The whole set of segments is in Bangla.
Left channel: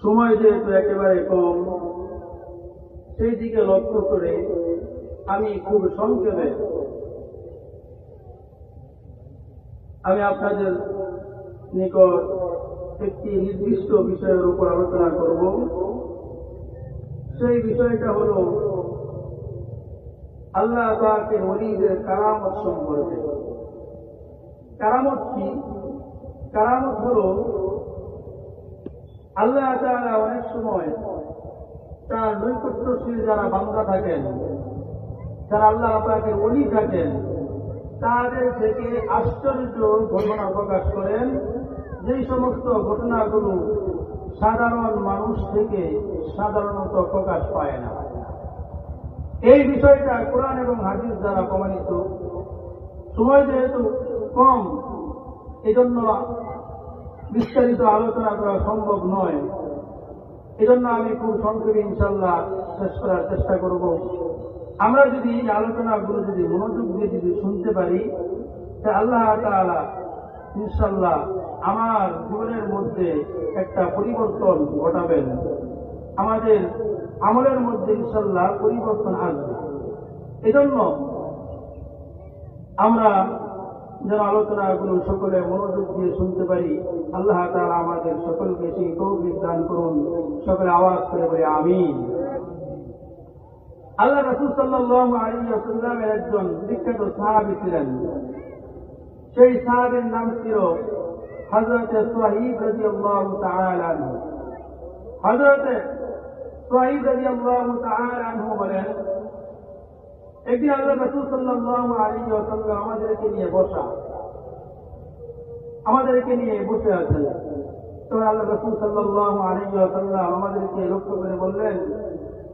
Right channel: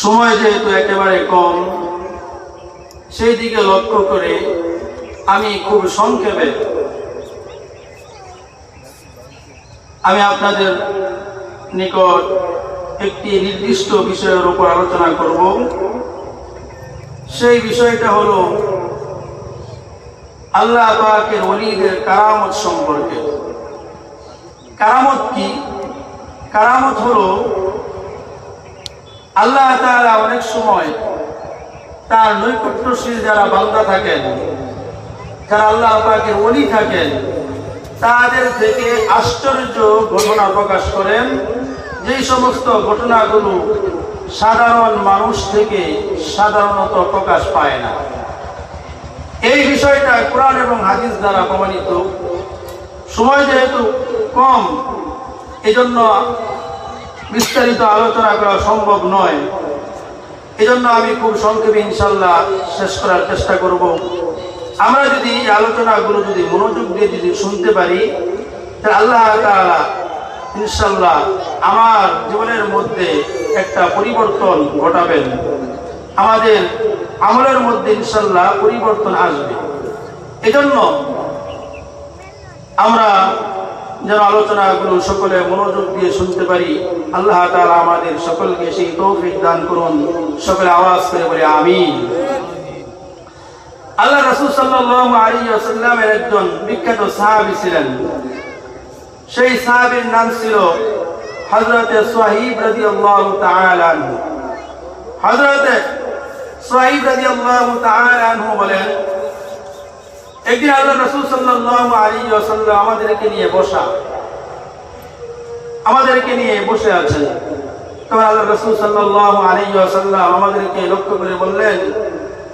সময় যেহেতু একেবারে কম, সেই দিকে লক্ষ্য করে আমি খুব সংক্ষেপে আমি আপনাদের নিকট একটি নির্দিষ্ট বিষয়ের উপর আলোচনা করব। সেই বিষয়টা হলো আল্লাহ পাকের ওলিদের কারামত সম্পর্কে। কারামত কি? কারামত হলো আল্লাহ তাআলা অনেক সময় তার নৈকট্যশীল যারা বান্দা থাকেন, যারা আল্লাহ পাকের ওলি থাকেন, তাদের থেকে আশ্চর্য ঘটনা প্রকাশ করেন, যেই সমস্ত ঘটনাগুলো সাধারণ মানুষ থেকে সাধারণত প্রকাশ পায় না। এই বিষয়টা কোরআন এবং হাদিস দ্বারা প্রমাণিত। সময় যেহেতু কম, এজন্য বিস্তারিত আলোচনা করা সম্ভব নয়। এজন্য আমি খুব সংক্ষেপে ইনশাআল্লাহ শেষ করার চেষ্টা করব। আমরা যদি এই আলোচনাগুলো যদি মনোযোগ দিয়ে যদি শুনতে পারি, তাহলে আল্লাহ তাআলা ইনশাআল্লাহ আমার জীবনের মধ্যে একটা পরিবর্তন ঘটাবেন। আমাদের আমলের মধ্যে ইনশাআল্লাহ পরিবর্তন আসবে। এজন্য আমরা যেন আলোচনাগুলো সকলে মনোযোগ দিয়ে শুনতে পারি। আল্লাহ তাআলা আমাদের সকলকে সেই তৌফিক দান করুন। সকলে আওয়াজ করে বলে আমিন। আল্লাহ রাসূল সাল্লাল্লাহু আলাইহি ওয়াসাল্লামের একজন বিখ্যাত সাহাবী ছিলেন। সেই সাহাবীর নাম ছিল হযরতে সুহাইব রাদিয়াল্লাহু তাআলা আনহু। হযরতে সুহাইব রাদিয়াল্লাহু তাআলা আনহু বলেন, একদিন আল্লাহ রাসূল সাল্লাল্লাহু আলাইহি ওয়াসাল্লাম আমাদেরকে নিয়ে বসে আছেন। তখন আল্লাহ রাসূল সাল্লাল্লাহু আলাইহি ওয়াসাল্লাম আমাদেরকে লক্ষ্য করে বললেন,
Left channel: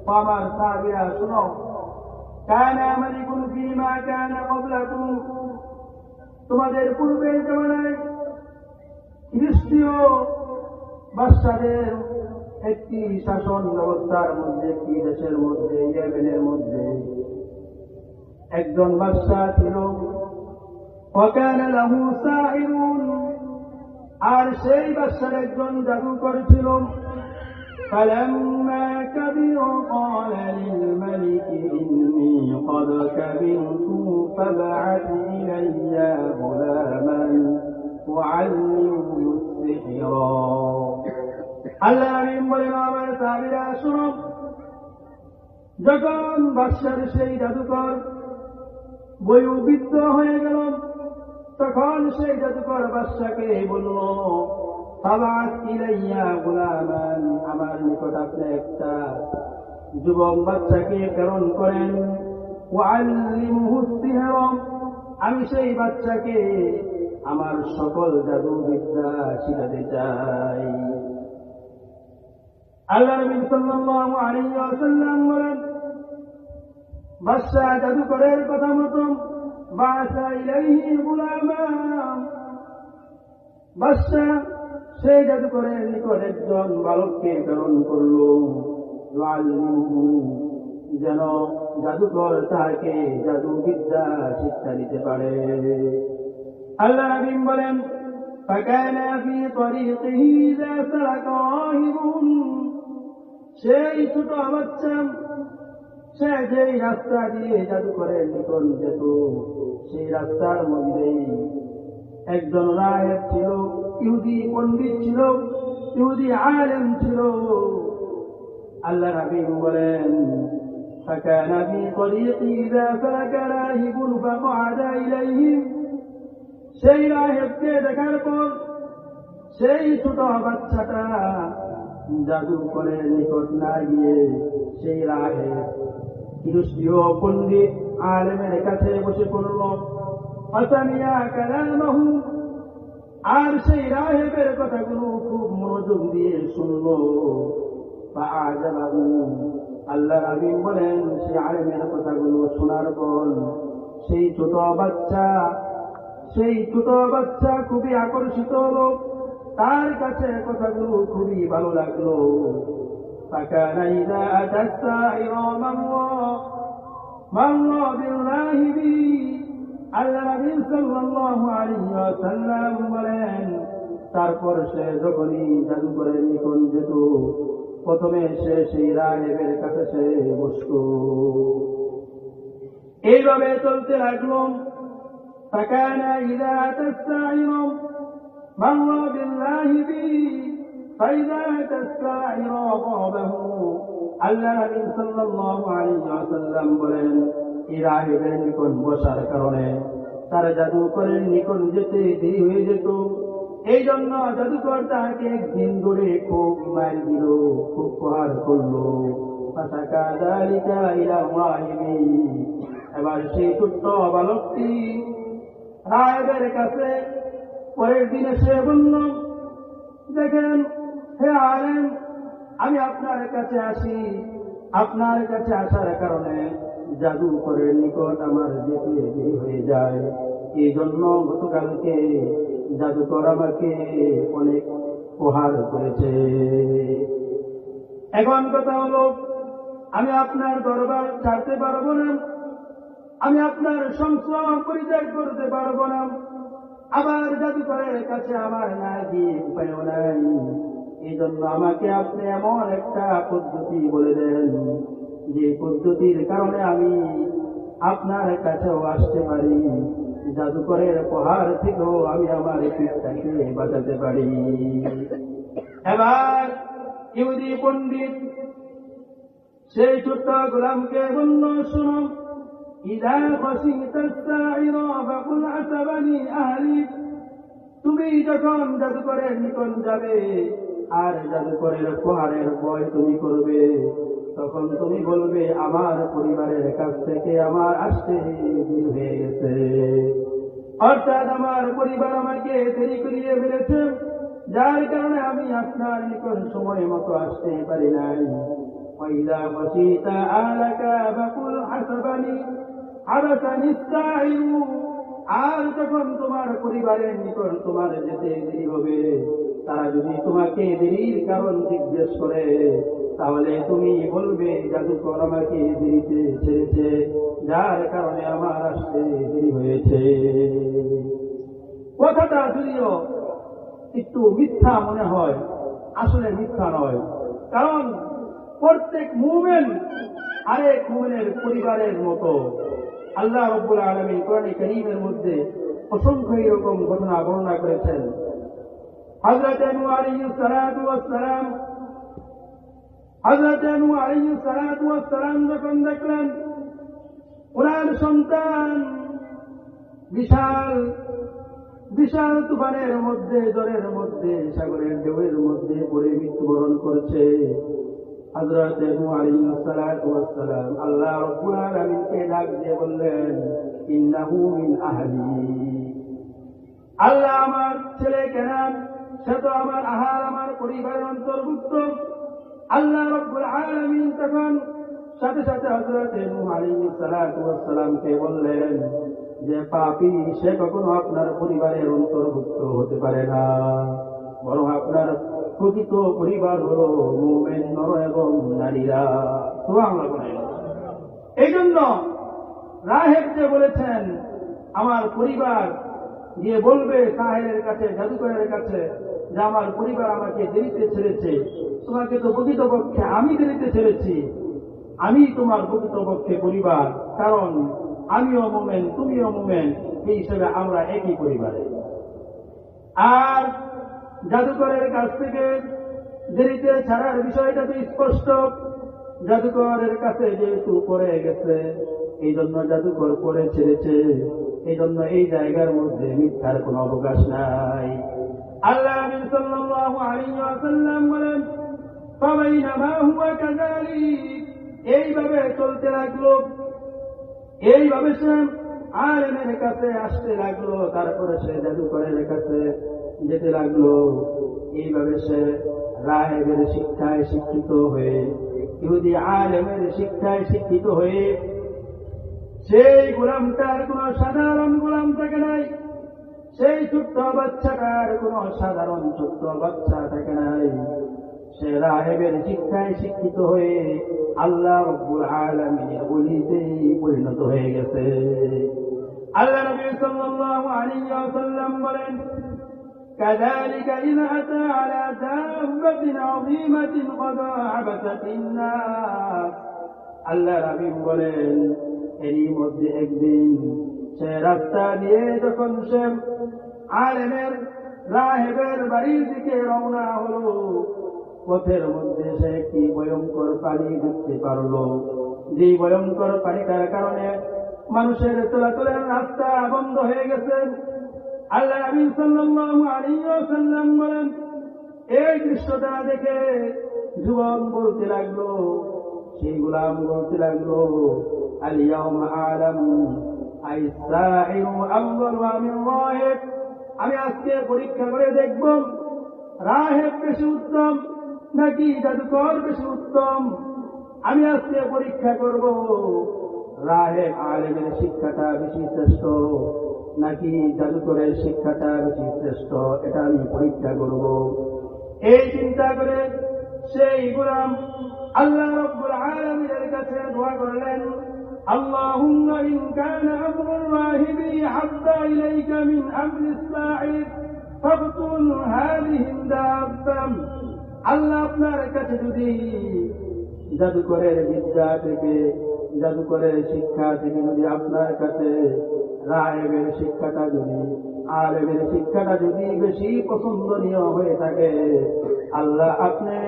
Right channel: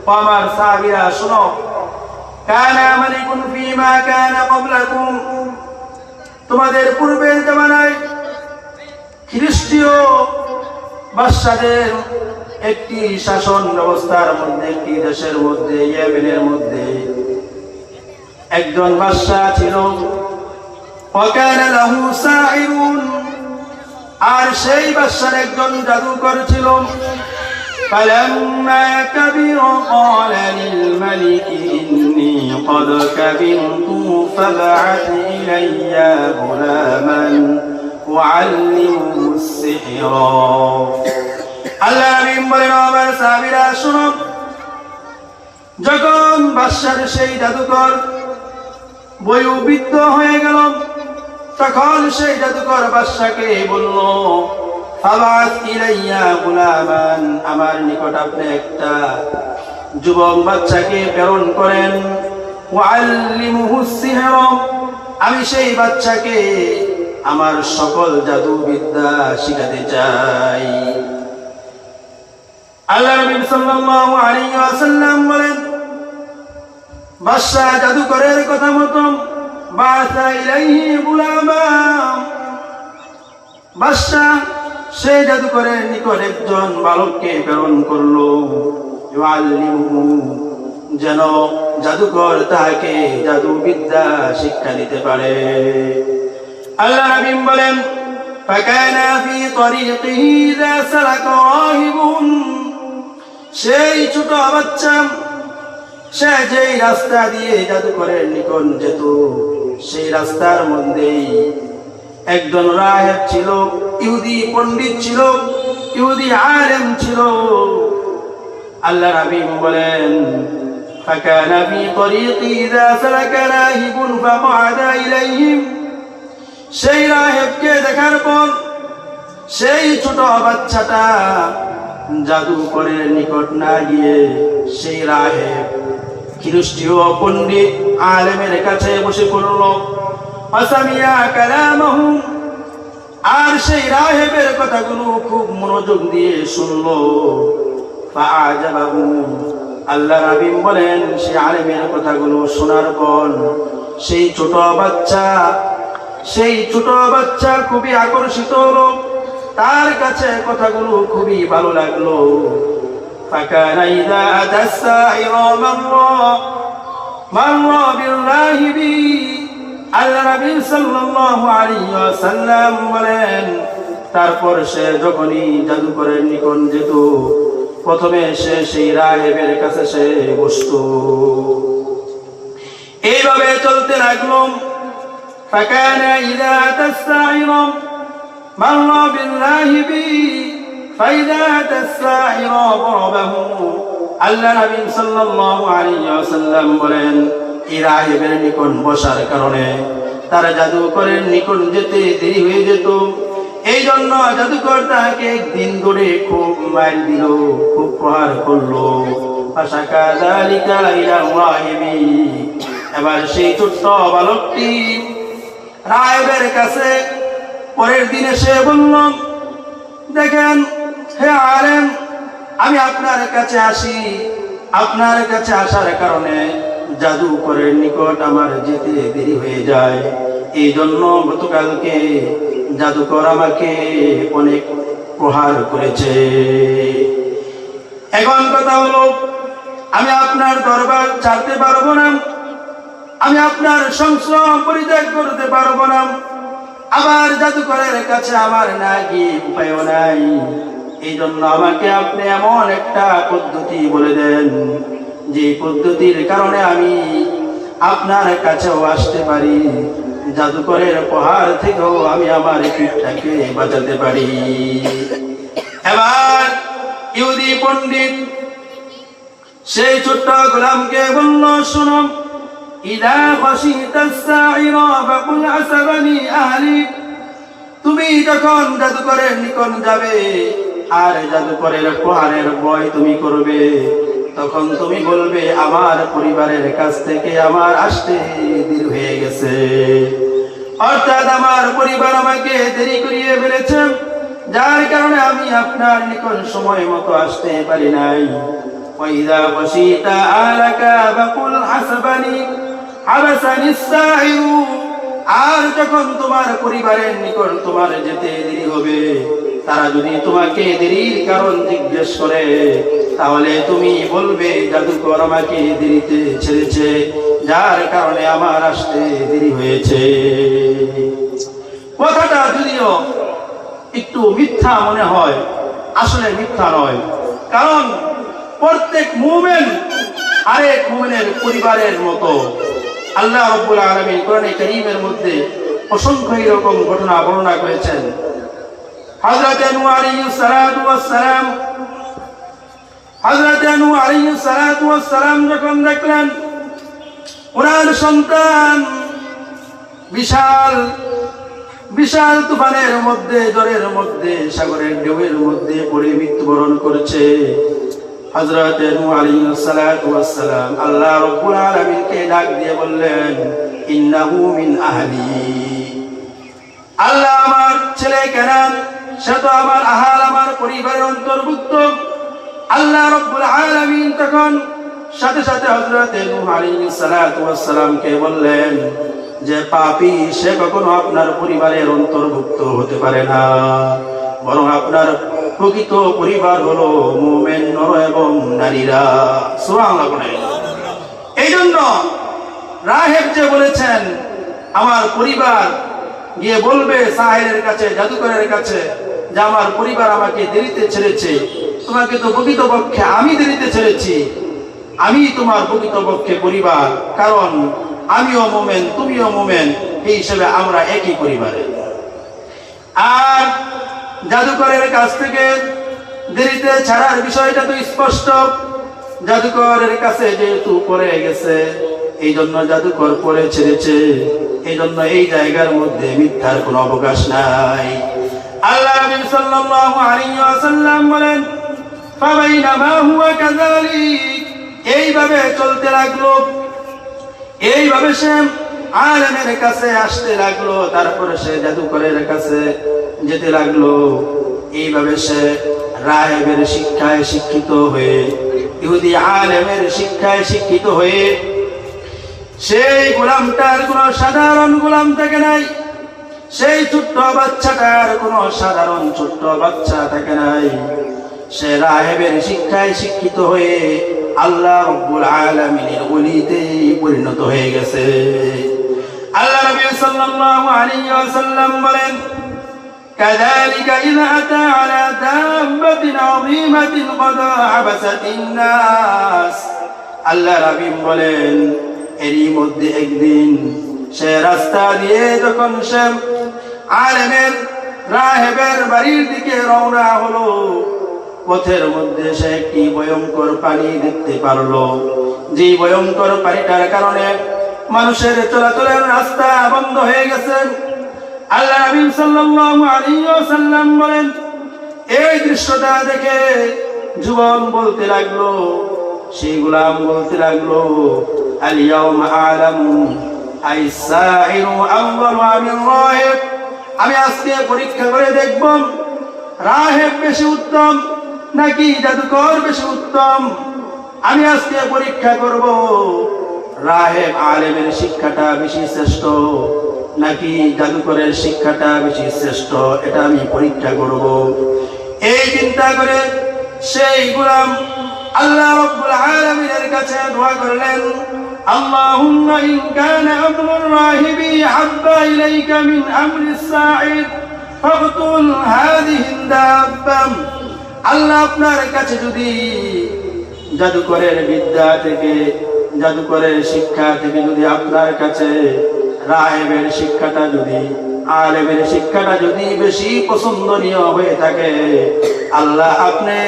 ও আমার সাহাবীরা শোনো, কানা মালিকুন ফীমা কানা ক্বাবলাকুম, তোমাদের পূর্বের জামানায় খ্রিস্টীয় বাদশাদের একটি শাসন ব্যবস্থার মধ্যে, একটি দেশের মধ্যে, ইয়েমেনের মধ্যে একজন বাদশা ছিল। ওয়াকানা লাহু সাহিরুন, আর সেই বাদশার একজন জাদুকর ছিল। فلما كبر قال للملك إني قد كبرت فابعث إلي غلاما أعلمه السحر। আল্লাহ নবী বলেন, আমার সাহাবীরা শোনো, যখন বাদশার সেই জাদুকর বয়োবৃদ্ধ হয়ে গেল, তখন সেই জাদুকর বাদশাকে বলল, ফাবাত ইলাইয়া গুলামান, আমার নিকট আপনি একটা যুবক বাচ্চাকে প্রেরণ করেন। ওয়াল্লিমুহু সিহর, আমি সেই বাচ্চাকে আমার সকল জাদু বিদ্যা শিখাতে চাই। আল্লাহ নবী সাল্লাল্লাহু আলাইহি ওয়াসাল্লাম বলেন, বাদশা জাদুকরের কথা মতো বাসা ইলাইহি গুলামান, বাদশা সেই জাদুকরের নিকট একজন বালককে প্রেরণ করলো, ইউআল্লিমুহু, যেন জাদুকর তাকে জাদু বিদ্যা শিক্ষা দিতে পারে। আল্লাহ নবী বলেন, ফাকানা ফি তরিকিহি ইযা সালাকা রাহিবুন, সেই ছোট বাচ্চা সে যেই রাস্তা দিয়ে জাদুকরের নিকট যেত, সেই রাস্তার মধ্যেই একজন রাহিব ছিল, ইহুদি পণ্ডিত ছিল, ইহুদি আলেম ছিল। আল্লাহ নবী বলেন, ফাকানা ফি তরিকি ইযা সালাকা রাহিবুন ফাকআদা ইলাইহিম, সেই রাহিবকে দেখার পর সেই ছোট বাচ্চাটা জাদুকরের নিকট না গিয়ে সেই রাহিব খ্রিস্টীয় পণ্ডিত আলেমের কাছে বসে পড়ল। ফাসামিয়া কালামাহু, আর সেই রাহিবের কথাগুলো খুব মনোযোগ দিয়ে শুনলো। ফাআজাবাহু, আল্লাহ নবী বলেন, সেই আলেমের কথাগুলো শোনার পর সেই ছোট বাচ্চা খুবই আকর্ষিত হলো, তার কাছে কথাগুলো খুবই ভালো লাগলো। ফাকানা ইযা আতাসাইরা মাররা বিল্লাহি, আল্লাহ নবী সাল্লাল্লাহু আলাইহি ওয়াসাল্লাম বলেন, তারপর সে যখনই জাদুকরের নিকট যেত, প্রথমে সে সেই রাহেবের কাছে সে বসত। এইভাবে চলতে লাগলো। فكان إذا أتى الساحر مر بالله به فإذا أتى الساحر ضربه। আল্লাহ নবী সাল্লাল্লাহু আলাইহি ওয়াসাল্লাম বলেন, এই রাহেবের নিকট বসার কারণে তার জাদুকরের নিকট যেতে দেরি হয়ে যেত। এই জন্য জাদুকর তাকে একদিন ধরে খুব মার দিল, খুব প্রহার করলো। এবার সেই ছোট্ট বালকটি রাহেবের কাছে পরের দিন এসে বলল, দেখেন হে আলেম, আমি আপনার কাছে আসি, আপনার কাছে আসার কারণে জাদুকরের নিকট আমার যেতে দেরি হয়ে যায়। এই জন্য গতকালকে জাদুকর আমাকে অনেক প্রহার করেছে। এখন কথা হলো, আমি আপনার দরবার ছাড়তে পারবো না, আমি আপনার সংস্রব পরিত্যাগ করতে পারবো না, আবার জাদুকরের কাছে আমার না গিয়ে উপায়ও নাই। এই জন্য আমাকে আপনি এমন একটা পদ্ধতি বলে দেন, যে পদ্ধতির কারণে আমি আপনার কাছেও আসতে পারি, জাদুকরের প্রহার থেকেও আমি আমার পিঠটাকে বাঁচাতে পারি। এবার ইহুদি পণ্ডিত সেই ছোট্ট গোলামকে বলল, শোনো, ইদা খাশিতাস সাইরা ফাকুল আসাবানি আহলি, তুমি যখন জাদুকরের নিকট যাবে আর জাদুকরের প্রহারের ভয় তুমি করবে, তখন তুমি বলবে আমার পরিবারের কাছ থেকে আমার আসতে দেরি হয়ে গেছে, অর্থাৎ আমার পরিবার আমাকে দেরি করিয়ে ফেলেছে, যার কারণে আমি আপনার নিকট সময় মতো আসতে পারি নাই। ওয়াইদা বসিতা আলাকা ফাকুল হাসাবানি হাবাসানি সাইরু, আর যখন তোমার পরিবারের নিকট তোমার যেতে দেরি হবে, তারা যদি তোমাকে দেরির কারণ জিজ্ঞেস করে, তাহলে তুমি বলবে জাদুকর আমাকে দেরিতে ছেড়েছে, যার কারণে আমার আসতে দেরি হয়েছে। কথাটা যদিও একটু মিথ্যা মনে হয়, আসলে মিথ্যা নয়, কারণ প্রত্যেক মুমিন আরেক মুমিনের পরিবারের মতো। আল্লাহ রাব্বুল আলামিন কোরআনে কারীমের মধ্যে অসংখ্য এরকম ঘটনা বর্ণনা করেছেন। হযরত নূহ আলাইহিস সালাতু ওয়াস সালাম, হযরত নূহ আলাইহিস সালাতু ওয়াস সালাম যখন দেখলেন ওনার সন্তান বিশাল বিশাল তুফানের মধ্যে, ঝড়ের মধ্যে, সাগরের ঢেউয়ের মধ্যে পড়ে মৃত্যুবরণ করেছে, হযরত নূহ আলাইহিস সালাতু ওয়াস সালাম আল্লাহ রাব্বুল আলামিনকে ডাক দিয়ে বললেন, ইন্নাহু মিন আহলি, আল্লাহ আমার ছেলে কেনান, সে তো আমার আহাল, আমার পরিবারের অন্তর্ভুক্ত। আল্লাহ রাব্বুল আলামিন তখন সাথে সাথে হযরত নূহ আলাইহিস সালাতু ওয়াস সালামকে বললেন যে পাপী সে কখনো আপনার পরিবারের অন্তর্ভুক্ত হতে পারে না, বরং আপনার প্রকৃত পরিবার হলো মুমিন নর এবং নারীরা। সুবহানাল্লাহ। এই জন্য রাহেব যে বলেছেন আমার পরিবার গিয়ে বলবে সাহেরের কাছে, জাদুকরের কাছে, যে আমার পরিবার আমাকে দেরিতে ছেড়েছে, তোমাকে তো প্রকৃতপক্ষে আমি দেরিতে ছেড়েছি, আমি তোমার প্রকৃতপক্ষে পরিবার, কারণ আমিও মুমিন তুমিও মুমিন, এই হিসেবে আমরা একই পরিবারে। আর জাদুকরের কাছ থেকে দেরিতে ছাড়ার বিষয়টা তো স্পষ্ট, জাদুকরের কাছে যেহেতু পড়ে গেছে, এই জন্য জাদুকর পড়ে ছেড়েছে, এই জন্য এই জায়গার মধ্যে মিথ্যার কোনো অবকাশ নাই। আল্লাহ নবী সাল্লাল্লাহু আলাইহি ওয়াসাল্লাম বলেন, ফাবাইনামা হুয়া কাযালিক, এইভাবে চলতে লাগলো, এইভাবে সে আলেমের কাছে আসতে লাগলো, তারপরে সে জাদুকরের কাছে যেতে লাগলো। এইভাবে সে রাহেবের শিক্ষায় শিক্ষিত হয়ে, ইহুদি আলেমের শিক্ষায় শিক্ষিত হয়ে, সেই গোলামটার কোনো সাধারণ গোলাম থাকে নাই, সেই ছোট্ট বাচ্চাটার কোনো সাধারণ ছোট্ট বাচ্চা থাকে নাই, সে রাহেবের শিক্ষায় শিক্ষিত হয়ে আল্লাহ রাব্বুল আলামিনের ওলিতে পরিণত হয়ে গেছে। আল্লাহ নবী সাল্লাল্লাহু আলাইহি ওয়াসাল্লাম বলেন, كذلك إذا أتى على دابة عظيمة قد عبست الناس আল্লাহ রাবিম বলেন এরই মধ্যে একদিন সে রাস্তা দিয়ে যখন সে আলেমের রাহেবের বাড়ির দিকে রওনা হলো, পথের মধ্যে সে একটি ভয়ঙ্কর পানি দেখতে পারলো। যে ভয়ঙ্কর পানিটার কারণে মানুষের চলাচলের রাস্তা বন্ধ হয়ে গেছে। আল্লাহ নবী সাল্লাল্লাহু আলাইহি ওয়াসাল্লাম বলেন এই দৃশ্যটা দেখে যুবক বলতে লাগলো, সেই গোলাম বলতে লাগলো, আল ইয়াউমা আলামু আইসাইরু আফদালু মিন রাহিব। আমি আজকে পরীক্ষা করে দেখব রাহেব বেশি উত্তম নাকি জাদুকর বেশি উত্তম। আমি আজকে পরীক্ষা করব রাহেব আলেমের শিক্ষাটা বেশি শ্রেষ্ঠ নাকি জাদুকরের শিক্ষাটা বেশি শ্রেষ্ঠ, এটা আমি পরীক্ষা করব। এই চিন্তা করে সেই গোলাম আল্লাহ রাব্বুল আলামিনের কাছে দোয়া করলেন, আল্লাহুম্মা ইন কানা আমরুর রাহিবি হাব্বা ইলাইকা মিন আমরিস সাঈদ ফাবতুল হাযিহি দাব্বা। আল্লাহ আপনার কাছে যদি জাদুকরের বিদ্যা থেকে, জাদুকরের শিক্ষা থেকে যদি আপনার কাছে রাহেবের শিক্ষাটা যদি, আলেমের শিক্ষাটা যদি বেশি পছন্দনীয় হয়ে থাকে, আল্লাহ আপনি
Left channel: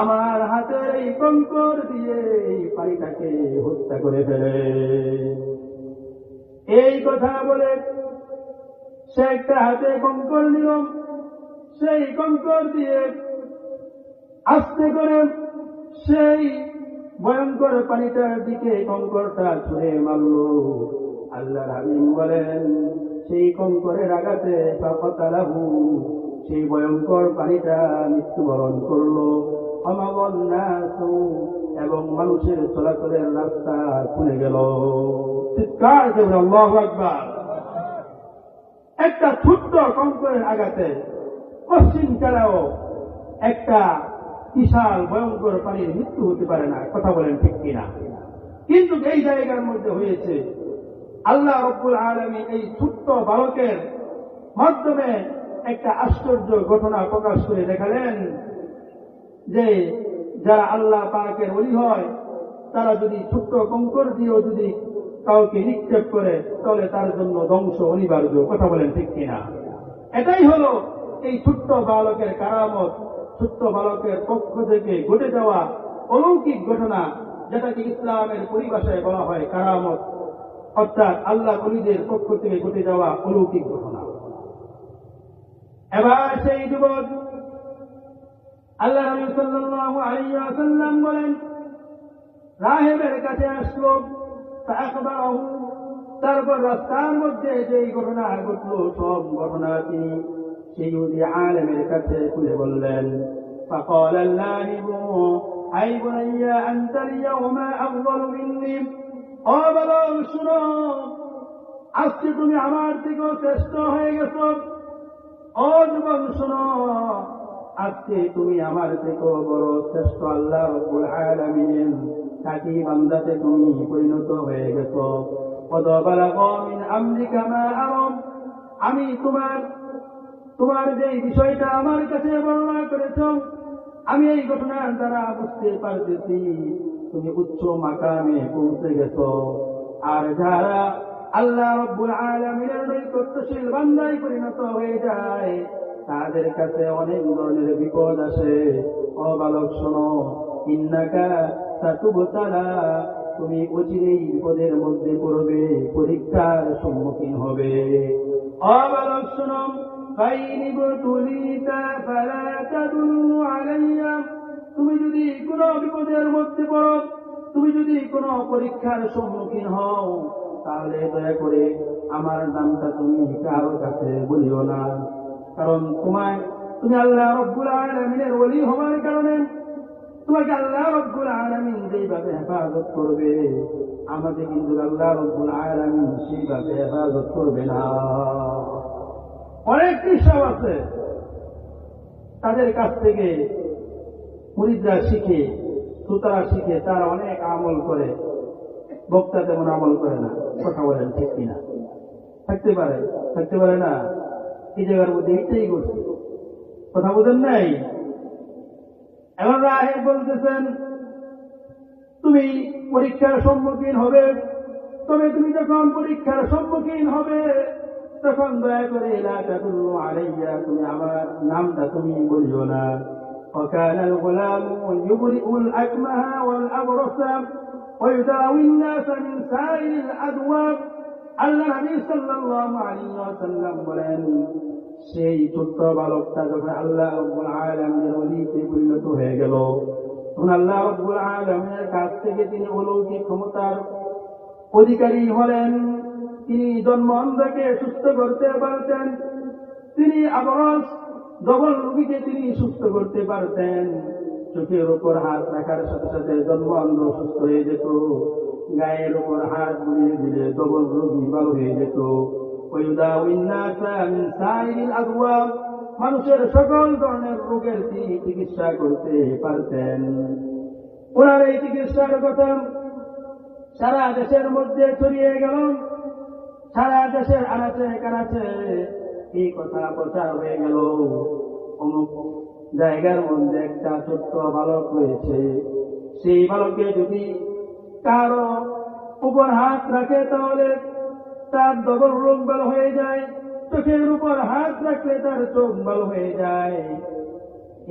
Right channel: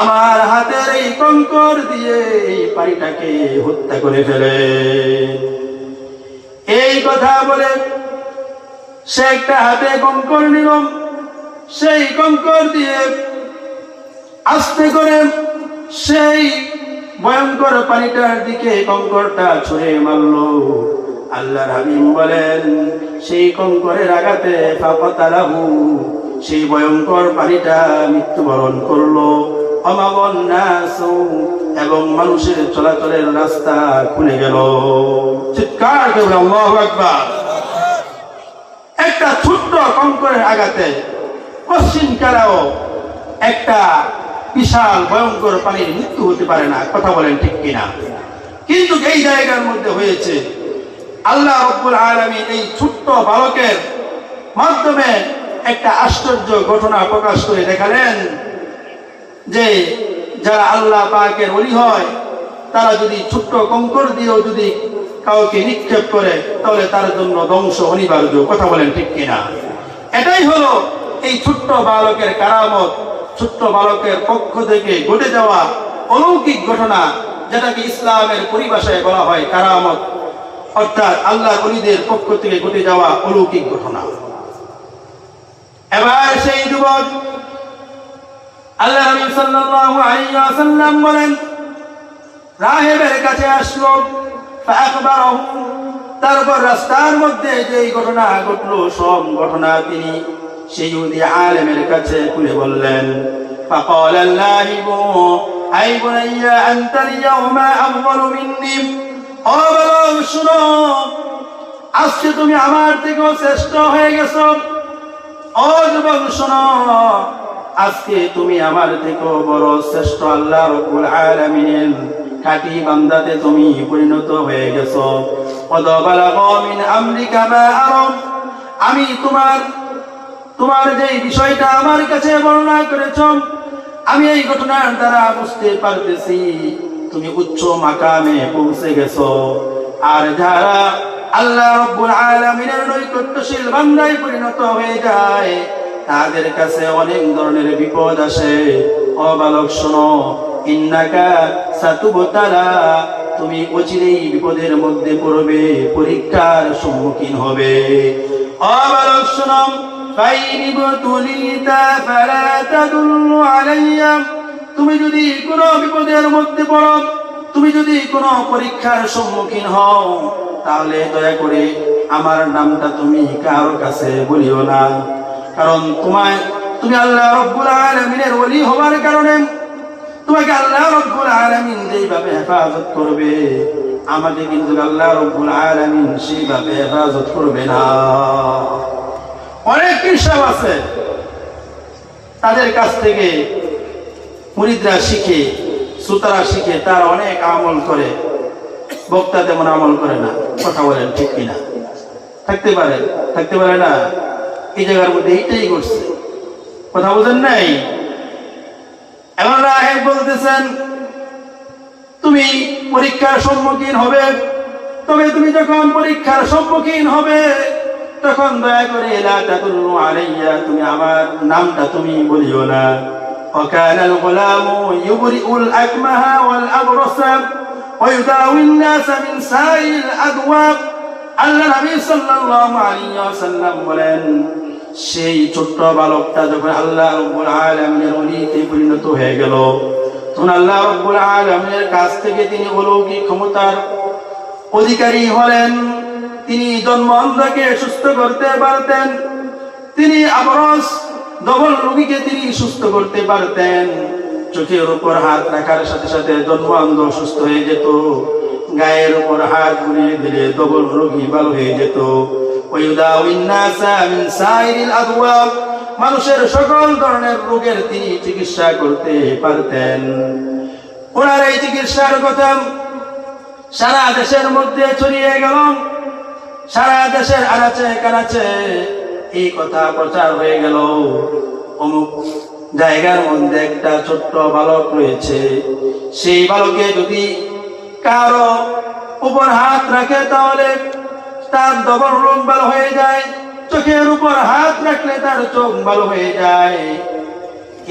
আমার হাতের এই কঙ্কর দিয়ে এই পানিটাকে হত্যা করে ফেলে। এই কথা বলে সে একটা হাতে কঙ্কর নিল, সেই কঙ্কর দিয়ে আস্তে করে সেই ভয়ঙ্কর পানিটার দিকে কঙ্করটা ছুঁড়ে মারলো। আল্লাহর হাবিব বলেন সেই কঙ্করের আঘাতে ফাকাতালাহু, সেই ভয়ঙ্কর পানিটা মৃত্যুবরণ করলো। অমাবন নাসু, এবং মানুষের চলাচলের রাস্তা খুলে গেল। চিৎকার করে আল্লাহু আকবার। একটা ছোট্ট কঙ্করের আঘাতে পশ্চিম কালেও একটা বিশাল ভয়ঙ্কর পানির মৃত্যু হতে পারে না, কথা বলেন ঠিক কিনা? কিন্তু এই জায়গার মধ্যে হয়েছে। আল্লাহ রাব্বুল আলামিন এই ছোট্ট বালকের মাধ্যমে একটা আশ্চর্য ঘটনা প্রকাশ করে দেখালেন যে যারা আল্লাহ পাকের ওলি হয় তারা যদি ছোট্ট কঙ্কর দিয়েও যদি কাউকে নিক্ষেপ করে তাহলে তার জন্য ধ্বংস অনিবার্য, কথা বলেন ঠিক কিনা? এটাই হলো এই ছোট্ট বালকের কারামত, ছোট্ট বালকের পক্ষ থেকে ঘটে যাওয়া অলৌকিক ঘটনা, যেটাকে ইসলামের পরিভাষায় বলা হয় কারামত, অর্থাৎ আল্লাহ ওলিদের পক্ষ থেকে ঘটে যাওয়া অলৌকিক ঘটনা। এবার সেই যুবক আল্লাহ নবী সাল্লাল্লাহু আলাইহি ওয়াসাল্লাম বলেন রাহেবের কাছে আসলো, ফাআখবারাহু, তারপর রাস্তার মধ্যে যে ঘটনা ঘটলো সব ঘটনা তিনি সেই ইহুদি আলেমের কাছে খুলে বললেন। ফাকালা আল্লাহু আই বুনাইয়া আনতাল ইয়াউমা আফদালু মিন্নি, ও বালক শুনো, আজকে তুমি আমার থেকেও শ্রেষ্ঠ হয়ে গেছো। ও যুবক শোনো, আজকে তুমি আমার থেকেও বড় শ্রেষ্ঠ আল্লাহ রাব্বুল আলামিনের খাঁটি বান্দাতে তুমি পরিণত হয়ে গেছো। কদ বালাগা মিন আমরিকা মা আরাম, আমি তোমার যে বিষয়টা আমার কাছে বর্ণনা করেছ, আমি এই ঘটনার দ্বারা বুঝতে পারতেছি তুমি উচ্চ মাকামে পৌঁছে গেছো। আর যারা আল্লাহ রাব্বুল আলামিনের নৈকট্যশীল বান্দায় পরিণত হয়ে যায় তাদের কাছে অনেক ধরনের বিপদ আসে। ও বালক শোনো, ইন্নাকা সাতুবতালা, তুমি অচিরেই বিপদের মধ্যে পড়বে, পরীক্ষার সম্মুখীন হবে। ও বালক শোনো, ফাইনিবতুলিতা ফালা তাদুল্লু আলাইয়া, তুমি যদি কোনো বিপদের মধ্যে পড়ো, তুমি যদি কোনো পরীক্ষার সম্মুখীন হও, তাহলে দয়া করে আমার নামটা তুমি কারোর কাছে বলিও না। কারণ তুমি আল্লাহ রাব্বুল আলামিনের ওলি হওয়ার কারণে তোমাকে আল্লাহ রাব্বুল আলামিন যেভাবে হেফাজত করবে, আমাকে কিন্তু আল্লাহ রাব্বুল আলামিন সেইভাবে হেফাজত করবে না। অনেক কৃষক আছে, তাদের কাছ থেকে মুরিদরা শিখে, শ্রোতারা শিখে, তারা অনেক আমল করে, বক্তা তেমন আমল করে না, কথা বলেন ঠিক কিনা? থাকতে পারে না? এই জায়গার মধ্যে এইটাই করছে। কথা বুঝেন নাই? এবার রাহেব বলতেছেন তুমি পরীক্ষার সম্মুখীন হবে, তবে তুমি যখন পরীক্ষার সম্মুখীন হবে তখন দয়া করে লা তাকুলু আলাইয়া, তুমি আমার নামটা তুমি বলিও না। وكان الغلام يبرئ الأكمه والأبرص ويداوي الناس من سائر الأدواء। আল্লাহ নবী সাল্লাল্লাহু আলাইহি ওয়াসাল্লাম বলেন সেই ছোট্ট বালকটা যখন আল্লাহ রাব্বুল আলামিনের ওলিতে পরিণত হয়ে গেল, তখন আল্লাহ রাব্বুল আলামিনের কাছ থেকে তিনি অলৌকিক ক্ষমতার অধিকারী হলেন। তিনি জন্মঅন্ধকে সুস্থ করতে পারতেন, তিনি আবরস ডবল রোগীকে তিনি সুস্থ করতে পারতেন। চোখের উপর হাত রাখার সাথে সাথে জন্মঅন্ধ সুস্থ হয়ে যেত, গায়ের উপর হাত বুলিয়ে দিলে ডবল রোগী ভালো হয়ে যেত। মানুষের সকল ধরনের রোগের তিনি চিকিৎসা করতে পারতেন। ওনার এই চিকিৎসার কথা সারা দেশের মধ্যে ছড়িয়ে গেল, সারা দেশের আনাচে কানাচে এই কথা প্রচার হয়ে গেল। অমুক জায়গার মধ্যে একটা ছোট্ট বালক রয়েছে, সেই বালকে যদি কারো উপর হাত রাখে তাহলে তার ডবল রোগ ভালো হয়ে যায়, চোখের উপর হাত রাখলে তার চোখ ভালো হয়ে যায়।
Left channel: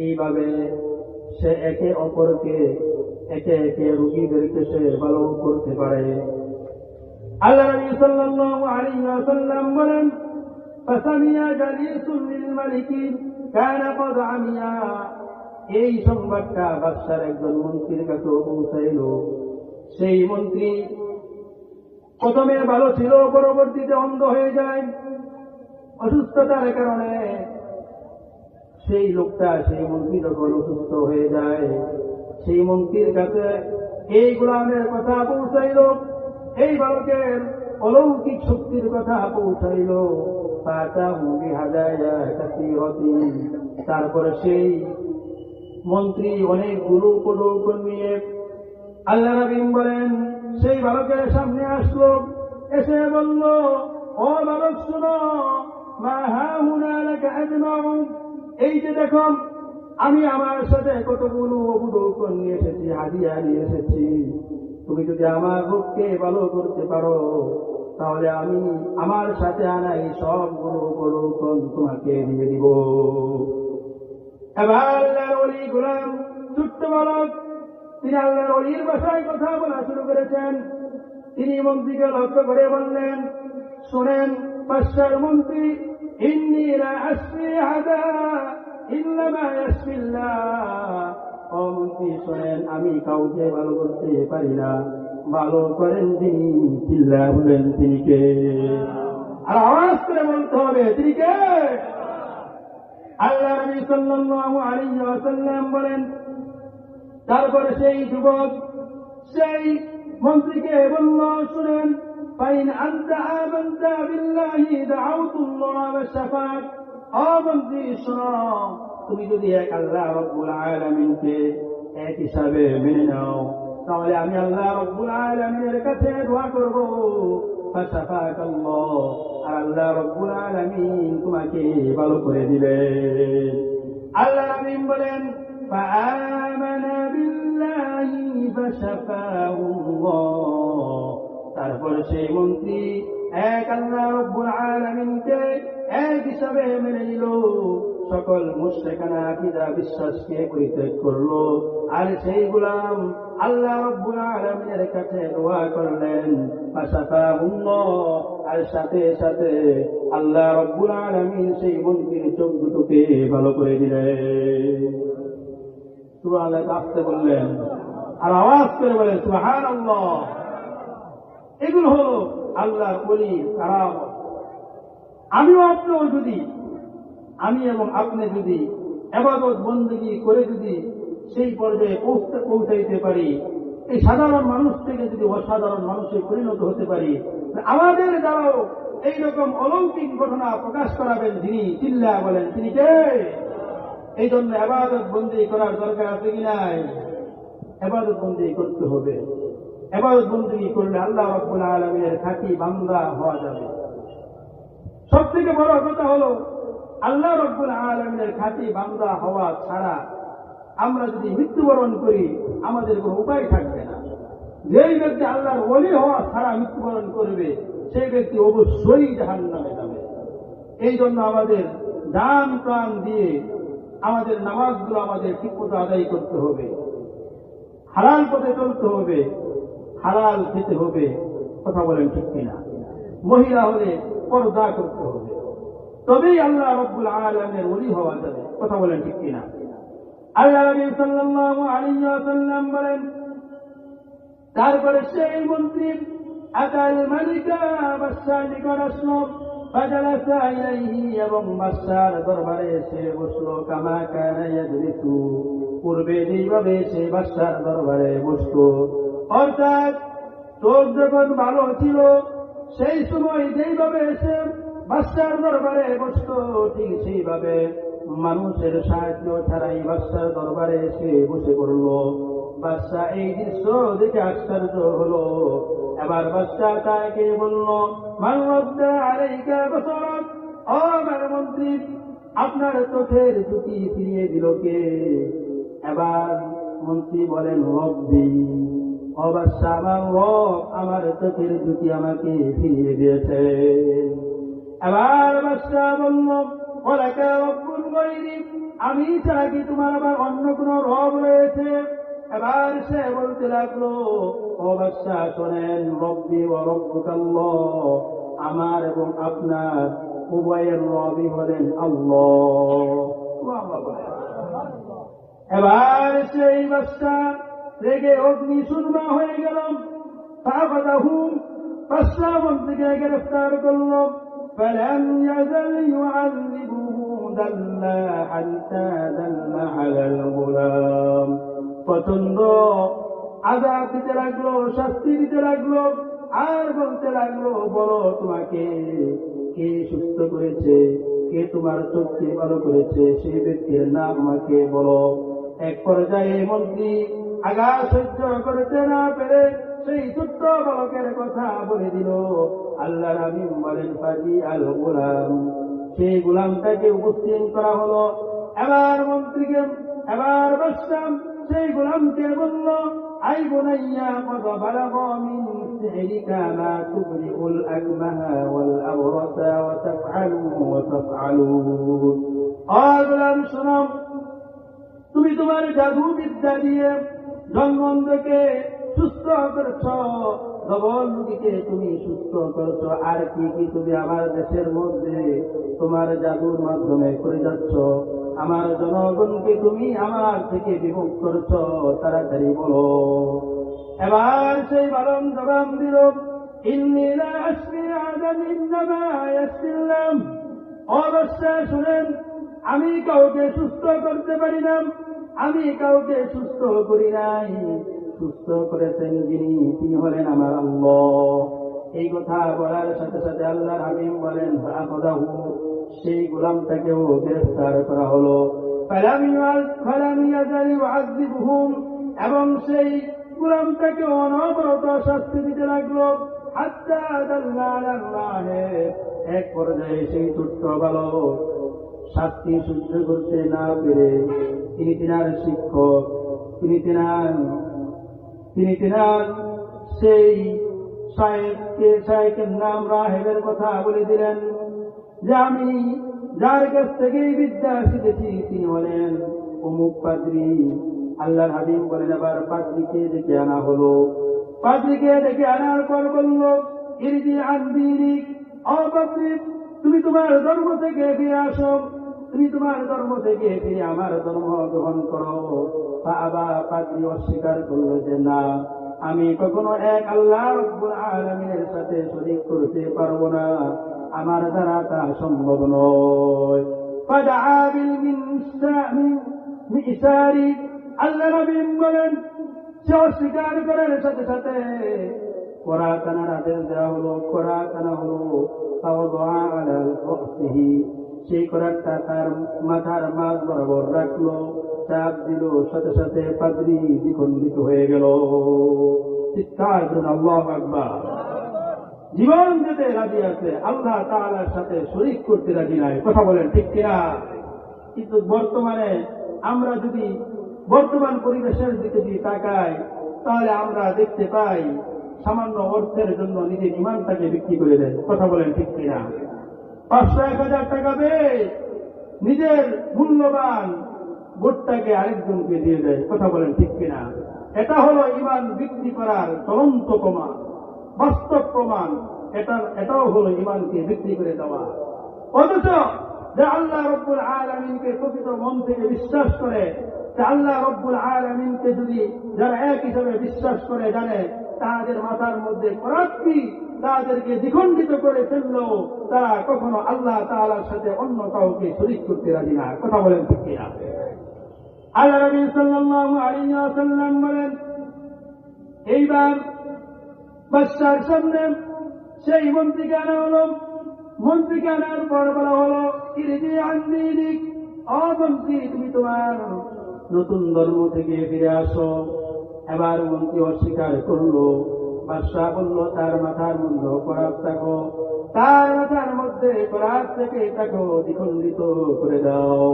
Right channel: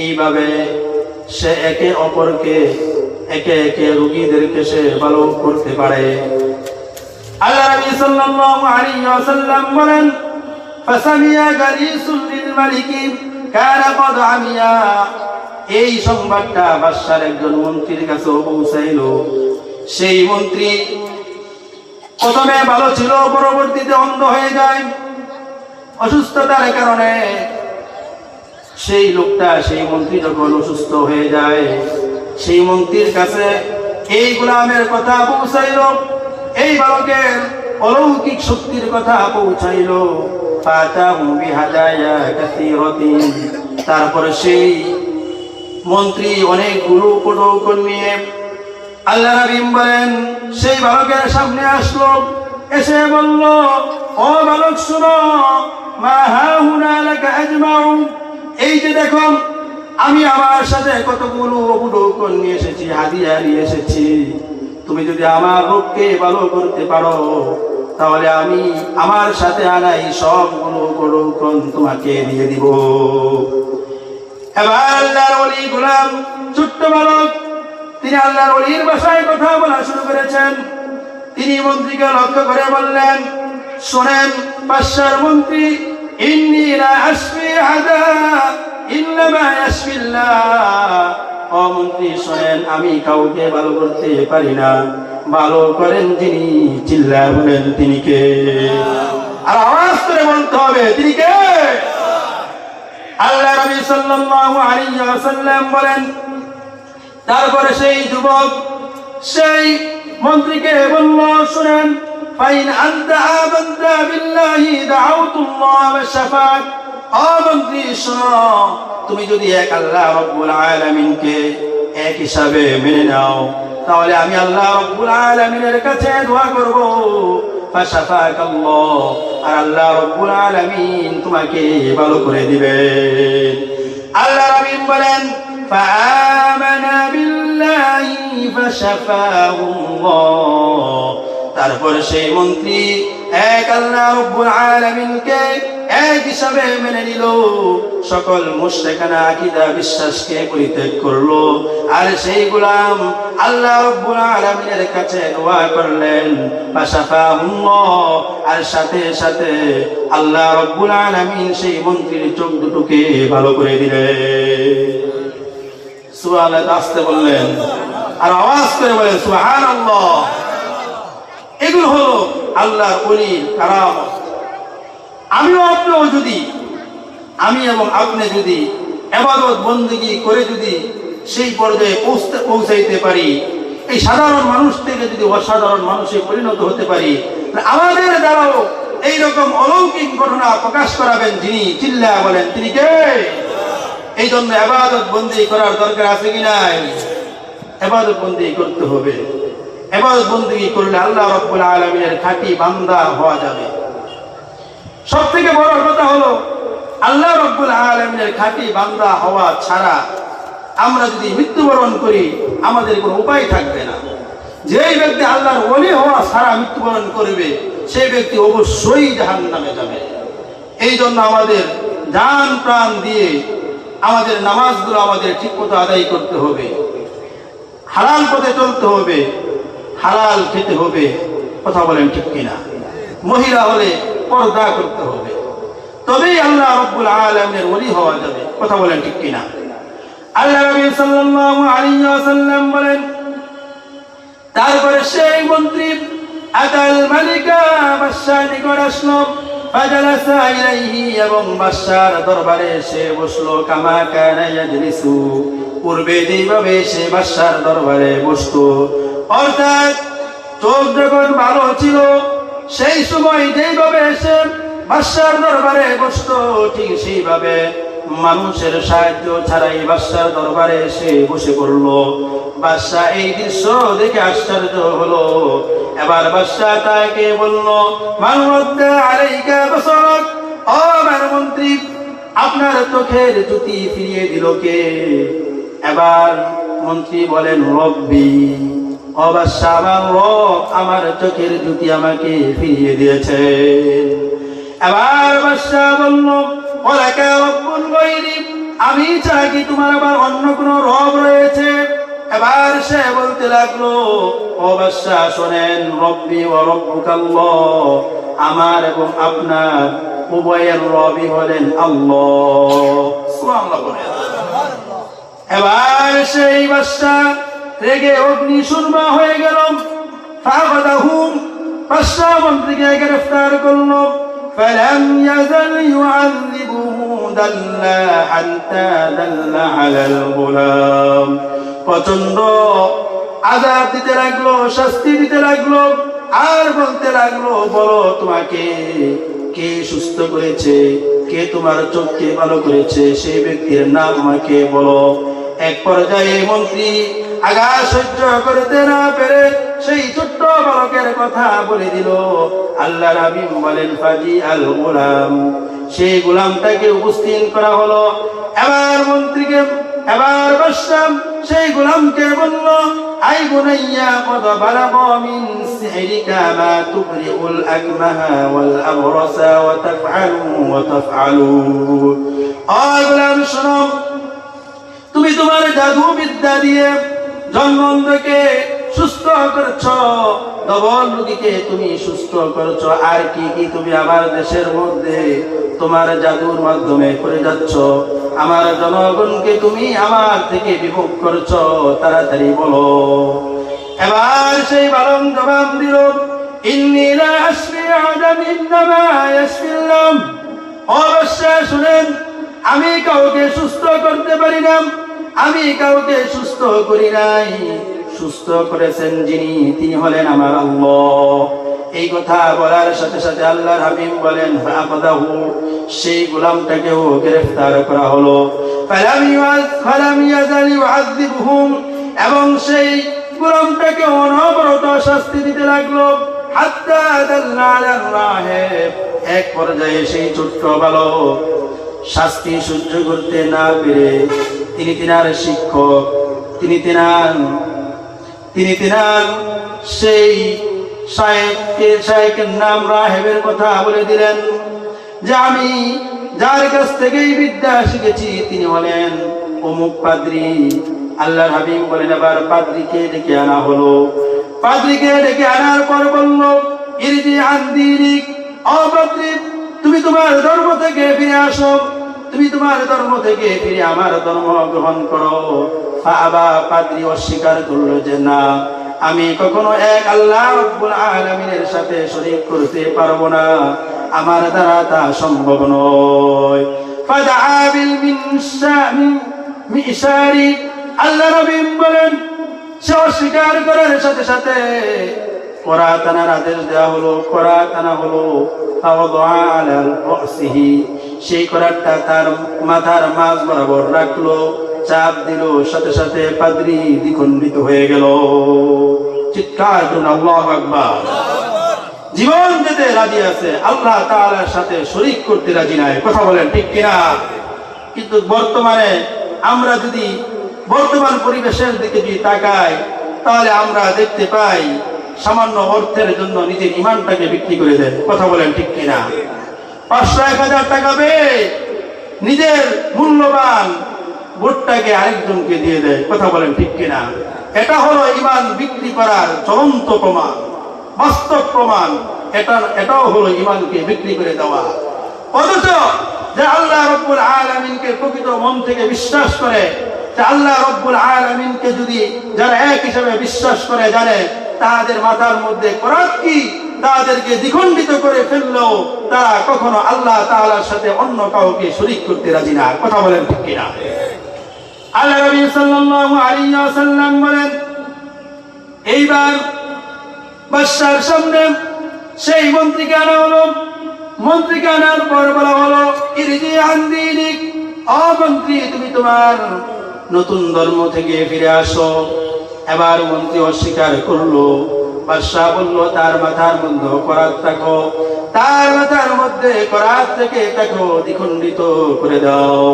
এইভাবে সে একে অপরকে একে একে রোগীদেরকে সে ভালো করতে পারে। আল্লাহ নবী সাল্লাল্লাহু আলাইহি ওয়াসাল্লাম বলেন ফাসামিয়া গালিসুল লিল মালিকি কানা কদ আমিয়া। এই সংবাদটা বাদশার একজন মন্ত্রীর কাছে পৌঁছাইল। সেই মন্ত্রী প্রথমে ভালো ছিল, পরবর্তীতে অন্ধ হয়ে যায় অসুস্থতার কারণে। সেই লোকটা, সেই মন্ত্রী যখন অসুস্থ হয়ে যায়, সেই মন্ত্রীর কাছে এই গোলামের কথা পৌঁছাইল, এই বালকের অলৌকিক শক্তির কথা পৌঁছাইল। তারপরে সেই মন্ত্রী অনেকগুলো উপঢৌকন নিয়ে আল্লাহ নবী বলেন সেই বালকের সামনে আসলো, এসে বলল ও বালক শুনো, মা হাহুনা লাকা আজমাউ। এই যে দেখো আমি আমার সাথে কতগুলো উপঢৌকন নিয়ে এসেছি, হাদিয়া নিয়ে এসেছি। তুমি যদি আমার রোগকে ভালো করতে পারো তাহলে আমি আমার সাথে আনাই সবগুলো উপঢৌকন তোমাকে দিয়ে দিব। এবার আল্লাহর ওলি গোলাম ছোট্ট বালক, তিনি আল্লাহর ওলির ভাষায় কথা বলা শুরু করেছেন। তিনি মন্ত্রীকে লক্ষ্য করে বললেন, শোনেন বাদশার মন্ত্রী, ইন্নী লা আশফি আদা ইল্লা মা ইয়াশফিল্লাহ। ও মন্ত্রী শোনেন, আমি কাউকে ভালো করতে পারি না, ভালো করেন যিনি। চিল্লায় বলেন তিনি কে? আর আওয়াজ করে বলতে হবে তিনি কে? আল্লাহ নবী সাল্লাল্লাহু আলাইহি ওয়াসাল্লাম বলেন, তারপরে সেই যুবক সেই মন্ত্রীকে বলল, শুনেন, ফাইন আনতা আমানতা বিল্লাহি দাউতুল্লাহ ওয়া শাফাত। ও মন্ত্রী শোনো, তুমি যদি এক আল্লাহ রাব্বুল আলামিনকে এক হিসাবে মেনে নাও তাহলে আমি আল্লাহ রাব্বুল আলামিনের কাছে দোয়া করব, ফাশাফাকাল্লাহ, আর আল্লাহ রাব্বুল আলামিন তোমাকে ভালো করে দিবেন। আল্লাহ রাব্বুল বলেন ফাআমানা বিল্লাহি ফাশাফাহুল্লাহ। তারপরে সেই মন্ত্রী এক আল্লাহ রাব্বুল আলামিনকে এক হিসাবে মেনে নিল, সকল মুশরিকানা আকীদা বিশ্বাসকে পরিত্যাগ করলো, আর সেই গোলাম আল্লাহ রাব্বুল আলামিনের কাছে দোয়া করলেন, ফাশাফাহুল্লাহ, আর সাথে সাথে আল্লাহ রাব্বুল আলামিন সেই মন্ত্রীর চোখ দুটোকে ভালো করে দিলেন। সুবহানাল্লাহ আসতে বললেন, আর আওয়াজ করে বলেন সুবহানাল্লাহ। এগুলো হলো আল্লাহর ওলির কারামত। আমি এবং আপনি যদি ইবাদত বন্দেগী করে যদি সেই পর্যায়ে পৌঁছাইতে পারি, এই সাধারণ মানুষ থেকে যদি অসাধারণ মানুষে পরিণত হতে পারি, আমাদের দ্বারাও এইরকম অলৌকিক ঘটনা প্রকাশ করাবেন যিনি। চিল্লায়া বলেন তিনি কে? এই জন্য ইবাদত বন্দেগী করার দরকার আছে কি নাই? ইবাদত বন্দেগী করতে হবে। ইবাদত বন্দেগী করলে আল্লাহ রাব্বুল আলামিনের খাঁটি বান্দা হওয়া যাবে। সবথেকে বড় কথা হলো আল্লাহ রাব্বুল আলামিনের খাঁটি বান্দা হওয়া ছাড়া আমরা যদি মৃত্যুবরণ করি আমাদের কোনো উপায় থাকবে না। যেই ব্যক্তি আল্লাহর ওলি হওয়া ছাড়া মৃত্যুবরণ করবে সেই ব্যক্তি অবশ্যই জাহান্নামে যাবে। এই জন্য আমাদের জান প্রাণ দিয়ে আমাদের নামাজগুলো আমাদের ঠিকমতো আদায় করতে হবে, হালাল পথে চলতে হবে, হালাল খেতে হবে। কথা বলেন ঠিক কিনা? মহিলা হলে পর্দা করতে হবে, তবেই আল্লাহ রাব্বুল আলামিনের ওলি হওয়া যাবে। কথা বলেন ঠিক কিনা? আল্লাহ নবী সাল্লাল্লাহু আলাইহি ওয়াসাল্লাম বলেন, তারপরে সেই মন্ত্রী আতাল মালিকা বাদশাহ নিকট আসলো, ফাজালাসা ইলাইহি, এবং বাদশার দরবারে এসে বসলো। কামা কানা ইয়াজলিসু, পূর্বে যেভাবে সে বাদশার দরবারে বসতো, অর্থাৎ চোখ যখন ভালো ছিল সেই সময় যেভাবে এসে বাদশার দরবারে বসতো ঠিক সেইভাবে মানুষের সাহায্য ছাড়াই বাদশার দরবারে এসে বসে পড়লো। বাদশাহ এই দৃশ্য দেখে আশ্চর্য হলো। এবার বাদশাহ তাকে বলল, মান রাদ্দা আলাইকা বাসারাক, ও আমার মন্ত্রী, আপনার চোখের জ্যোতি ফিরিয়ে দিল কে? এবার মন্ত্রী বলেন, রব্বি, ও বাদশাহ, আমার রব আমার চোখের জ্যোতি আমাকে ফিরিয়ে দিয়েছে। এবার বাদশাহ বলল, ওয়ালাকা রব্বুন গায়রি, আমি চাই কি তোমার আবার অন্য কোন রব রয়েছে? এবার সে বলতে লাগলো, ও বাদশাহ শোনেন, রব্বি ওয়া রব্বুকাল্লাহ, আমার এবং আপনার উভয়ের রবই হলেন আল্লাহ। সুবহানাল্লাহ বলেন। এবার সেই বাদশাহ রেগে অগ্নিশূর্মা হয়ে গেল। ফাগাদাহুম, বাদশাহ মন্ত্রীকে গ্রেফতার করলো। فلم يزل يعذبه دلا حتى دل على الغلام, প্রচন্ড আযাব দিতে লাগলো, শাস্তি দিতে লাগলো, আর বলতে লাগলো, বলো তোমাকে কে সুস্থ করেছে, কে তোমার চোখকে ভালো করেছে, সেই ব্যক্তির নাম আমাকে বলো। এক পর্যায়ে মন্ত্রী আগা সহ্য করতে না পেরে সেই ছোট্ট বালকের কথা বলে দিল। আল্লাহ নবী বলেন, ফাজি আল গোলাম, সেই গোলামটাকে উপস্থিত করা হলো। এবার বাদশাহ সেই গোলামকে বলল, আই বুনাইয়া কদ বালাগা মিন সিহরিকা মা তুবরিউল আকমাহা ওয়াল আবরাসা ওয়া তাফআলু। ও গোলাম শোনো, তুমি তোমার জাদু বিদ্যা দিয়ে জন্মকে সুস্থ করছো, ডবল রোগীকে তুমি সুস্থ করছো, আর কি কি তুমি আমার দেশের মধ্যে তোমার জাদুর মাধ্যমে করে যাচ্ছ? আমার জনগণকে তুমি আমার থেকে বিমুখ করছো, তাড়াতাড়ি বলো। এবার সেই বালক জবাব দিল, ইন্নী লা আশফি আহাদান ইন্নামা ইয়াশফিল্লাহ। অবশ্যই শুনেন, আমি কাউকে সুস্থ করতে পারি না, আমি কাউকে সুস্থ করি নাই, সুস্থ করেছেন যিনি তিনি হলেন আমার আল্লাহ। এই কথা বলার সাথে সাথে আল্লাহর হাবিব বলেন, ফাআখাযাহু, সেই গোলামটাকেও গ্রেফতার করা হলো। ফালাম ইয়াজাল ইউআযিবুহুম, এবং সেই গোলামটাকে অনবরত শাস্তি দিতে লাগলো। হাত্তা দাল্লা আলার রাহিব, এক পর্যায়ে সেই ছোট্ট বালক শাস্তি সহ্য করতে না পেরে তিনি তিনার শিক্ষক, তিনি তিনার সেই শায়েখের নাম রাহেবের কথা বলে দিলেন যে আমি যার কাছ থেকে এই বিদ্যা শিখেছি তিনি হলেন অমুক পাদ্রী। আল্লাহর হাবিব বলেন, এবার পাদ্রীকে ডেকে আনা হলো। পাদ্রীকে ডেকে আনার পর বলল, ইরজি আন দীনিক, ও পাদ্রী, তুমি তোমার ধর্ম থেকে ফিরে আসো, তুমি তোমার ধর্ম থেকে ফিরে আমার ধর্ম গ্রহণ করো। আবা, পাদ্রী অস্বীকার করলো যে না, আমি কখনো এক আল্লাহ রাব্বুল আলামিনের সাথে শরীক করতে পারবো না, আমার দ্বারা তা সম্ভব নয়। ফাদআ বিল মিশারি, আল্লাহ নবী বলেন, সে অস্বীকার করার সাথে সাথে করাত আনার আদেশ দেওয়া হলো। করাত আনা হলো, সেই করাতটা তার মাথার মাঝ বরাবর রাখলো, চাপ দিল, সাথে সাথে পাদ্রী দ্বিখণ্ডিত হয়ে গেল। চিৎকার করুন আল্লাহু আকবার। জীবন দিতে রাজি আছে, আল্লাহ তাআলার সাথে শরীক করতে রাজি নাই। কথা বলেন ঠিক কিনা? কিন্তু বর্তমানে আমরা যদি বর্তমান পরিবেশের দিকে যদি তাকাই, তাহলে আমরা দেখতে পাই সামান্য অর্থের জন্য নিজের ইমানটাকে বিক্রি করে দেন। কথা বলেন ঠিক কিনা? 500-1000 টাকা পেয়ে নিজের মূল্যবান ভোটটাকে আরেকজনকে দিয়ে দেয়। কথা বলেন ঠিক কিনা? এটা হলো ইমান বিক্রি করার চূড়ান্ত প্রমাণ, বাস্তব প্রমাণ। এটাও হলো ইমানকে বিক্রি করে দেওয়া। অথচ যে আল্লাহ রাব্বুল আলামিনকে প্রকৃত মন থেকে বিশ্বাস করে, যে আল্লাহ রাব্বুল আলামিনকে যদি যারা এক হিসেবে বিশ্বাস করে, জানে তাদের মাথার মধ্যে কোরআন কি তাদেরকে দ্বিখণ্ডিত করে ফেললেও তারা কখনো আল্লাহ তাআলার সাথে অন্য কাউকে শরীক করতে রাজি না। কথা বলেন ঠিক কিনা? আল্লাহ নবী সাল্লাল্লাহু আলাইহি ওয়াসাল্লাম বলেন, এইবার বাদশার সামনে সেই মন্ত্রীকে আনা হলো। মন্ত্রীকে আনার পর বলা হলো, ইরজি আন দীনিক, ও মন্ত্রী তুমি তোমার নতুন ধর্ম থেকে ফিরে আসো। এবার মন্ত্রী অস্বীকার করলো। বাদশাহ বলল, তার মাথার মধ্যে করাত থাকো, তার মাথার মধ্যে করাত থেকে তাকে দ্বিখণ্ডিত করে দাও।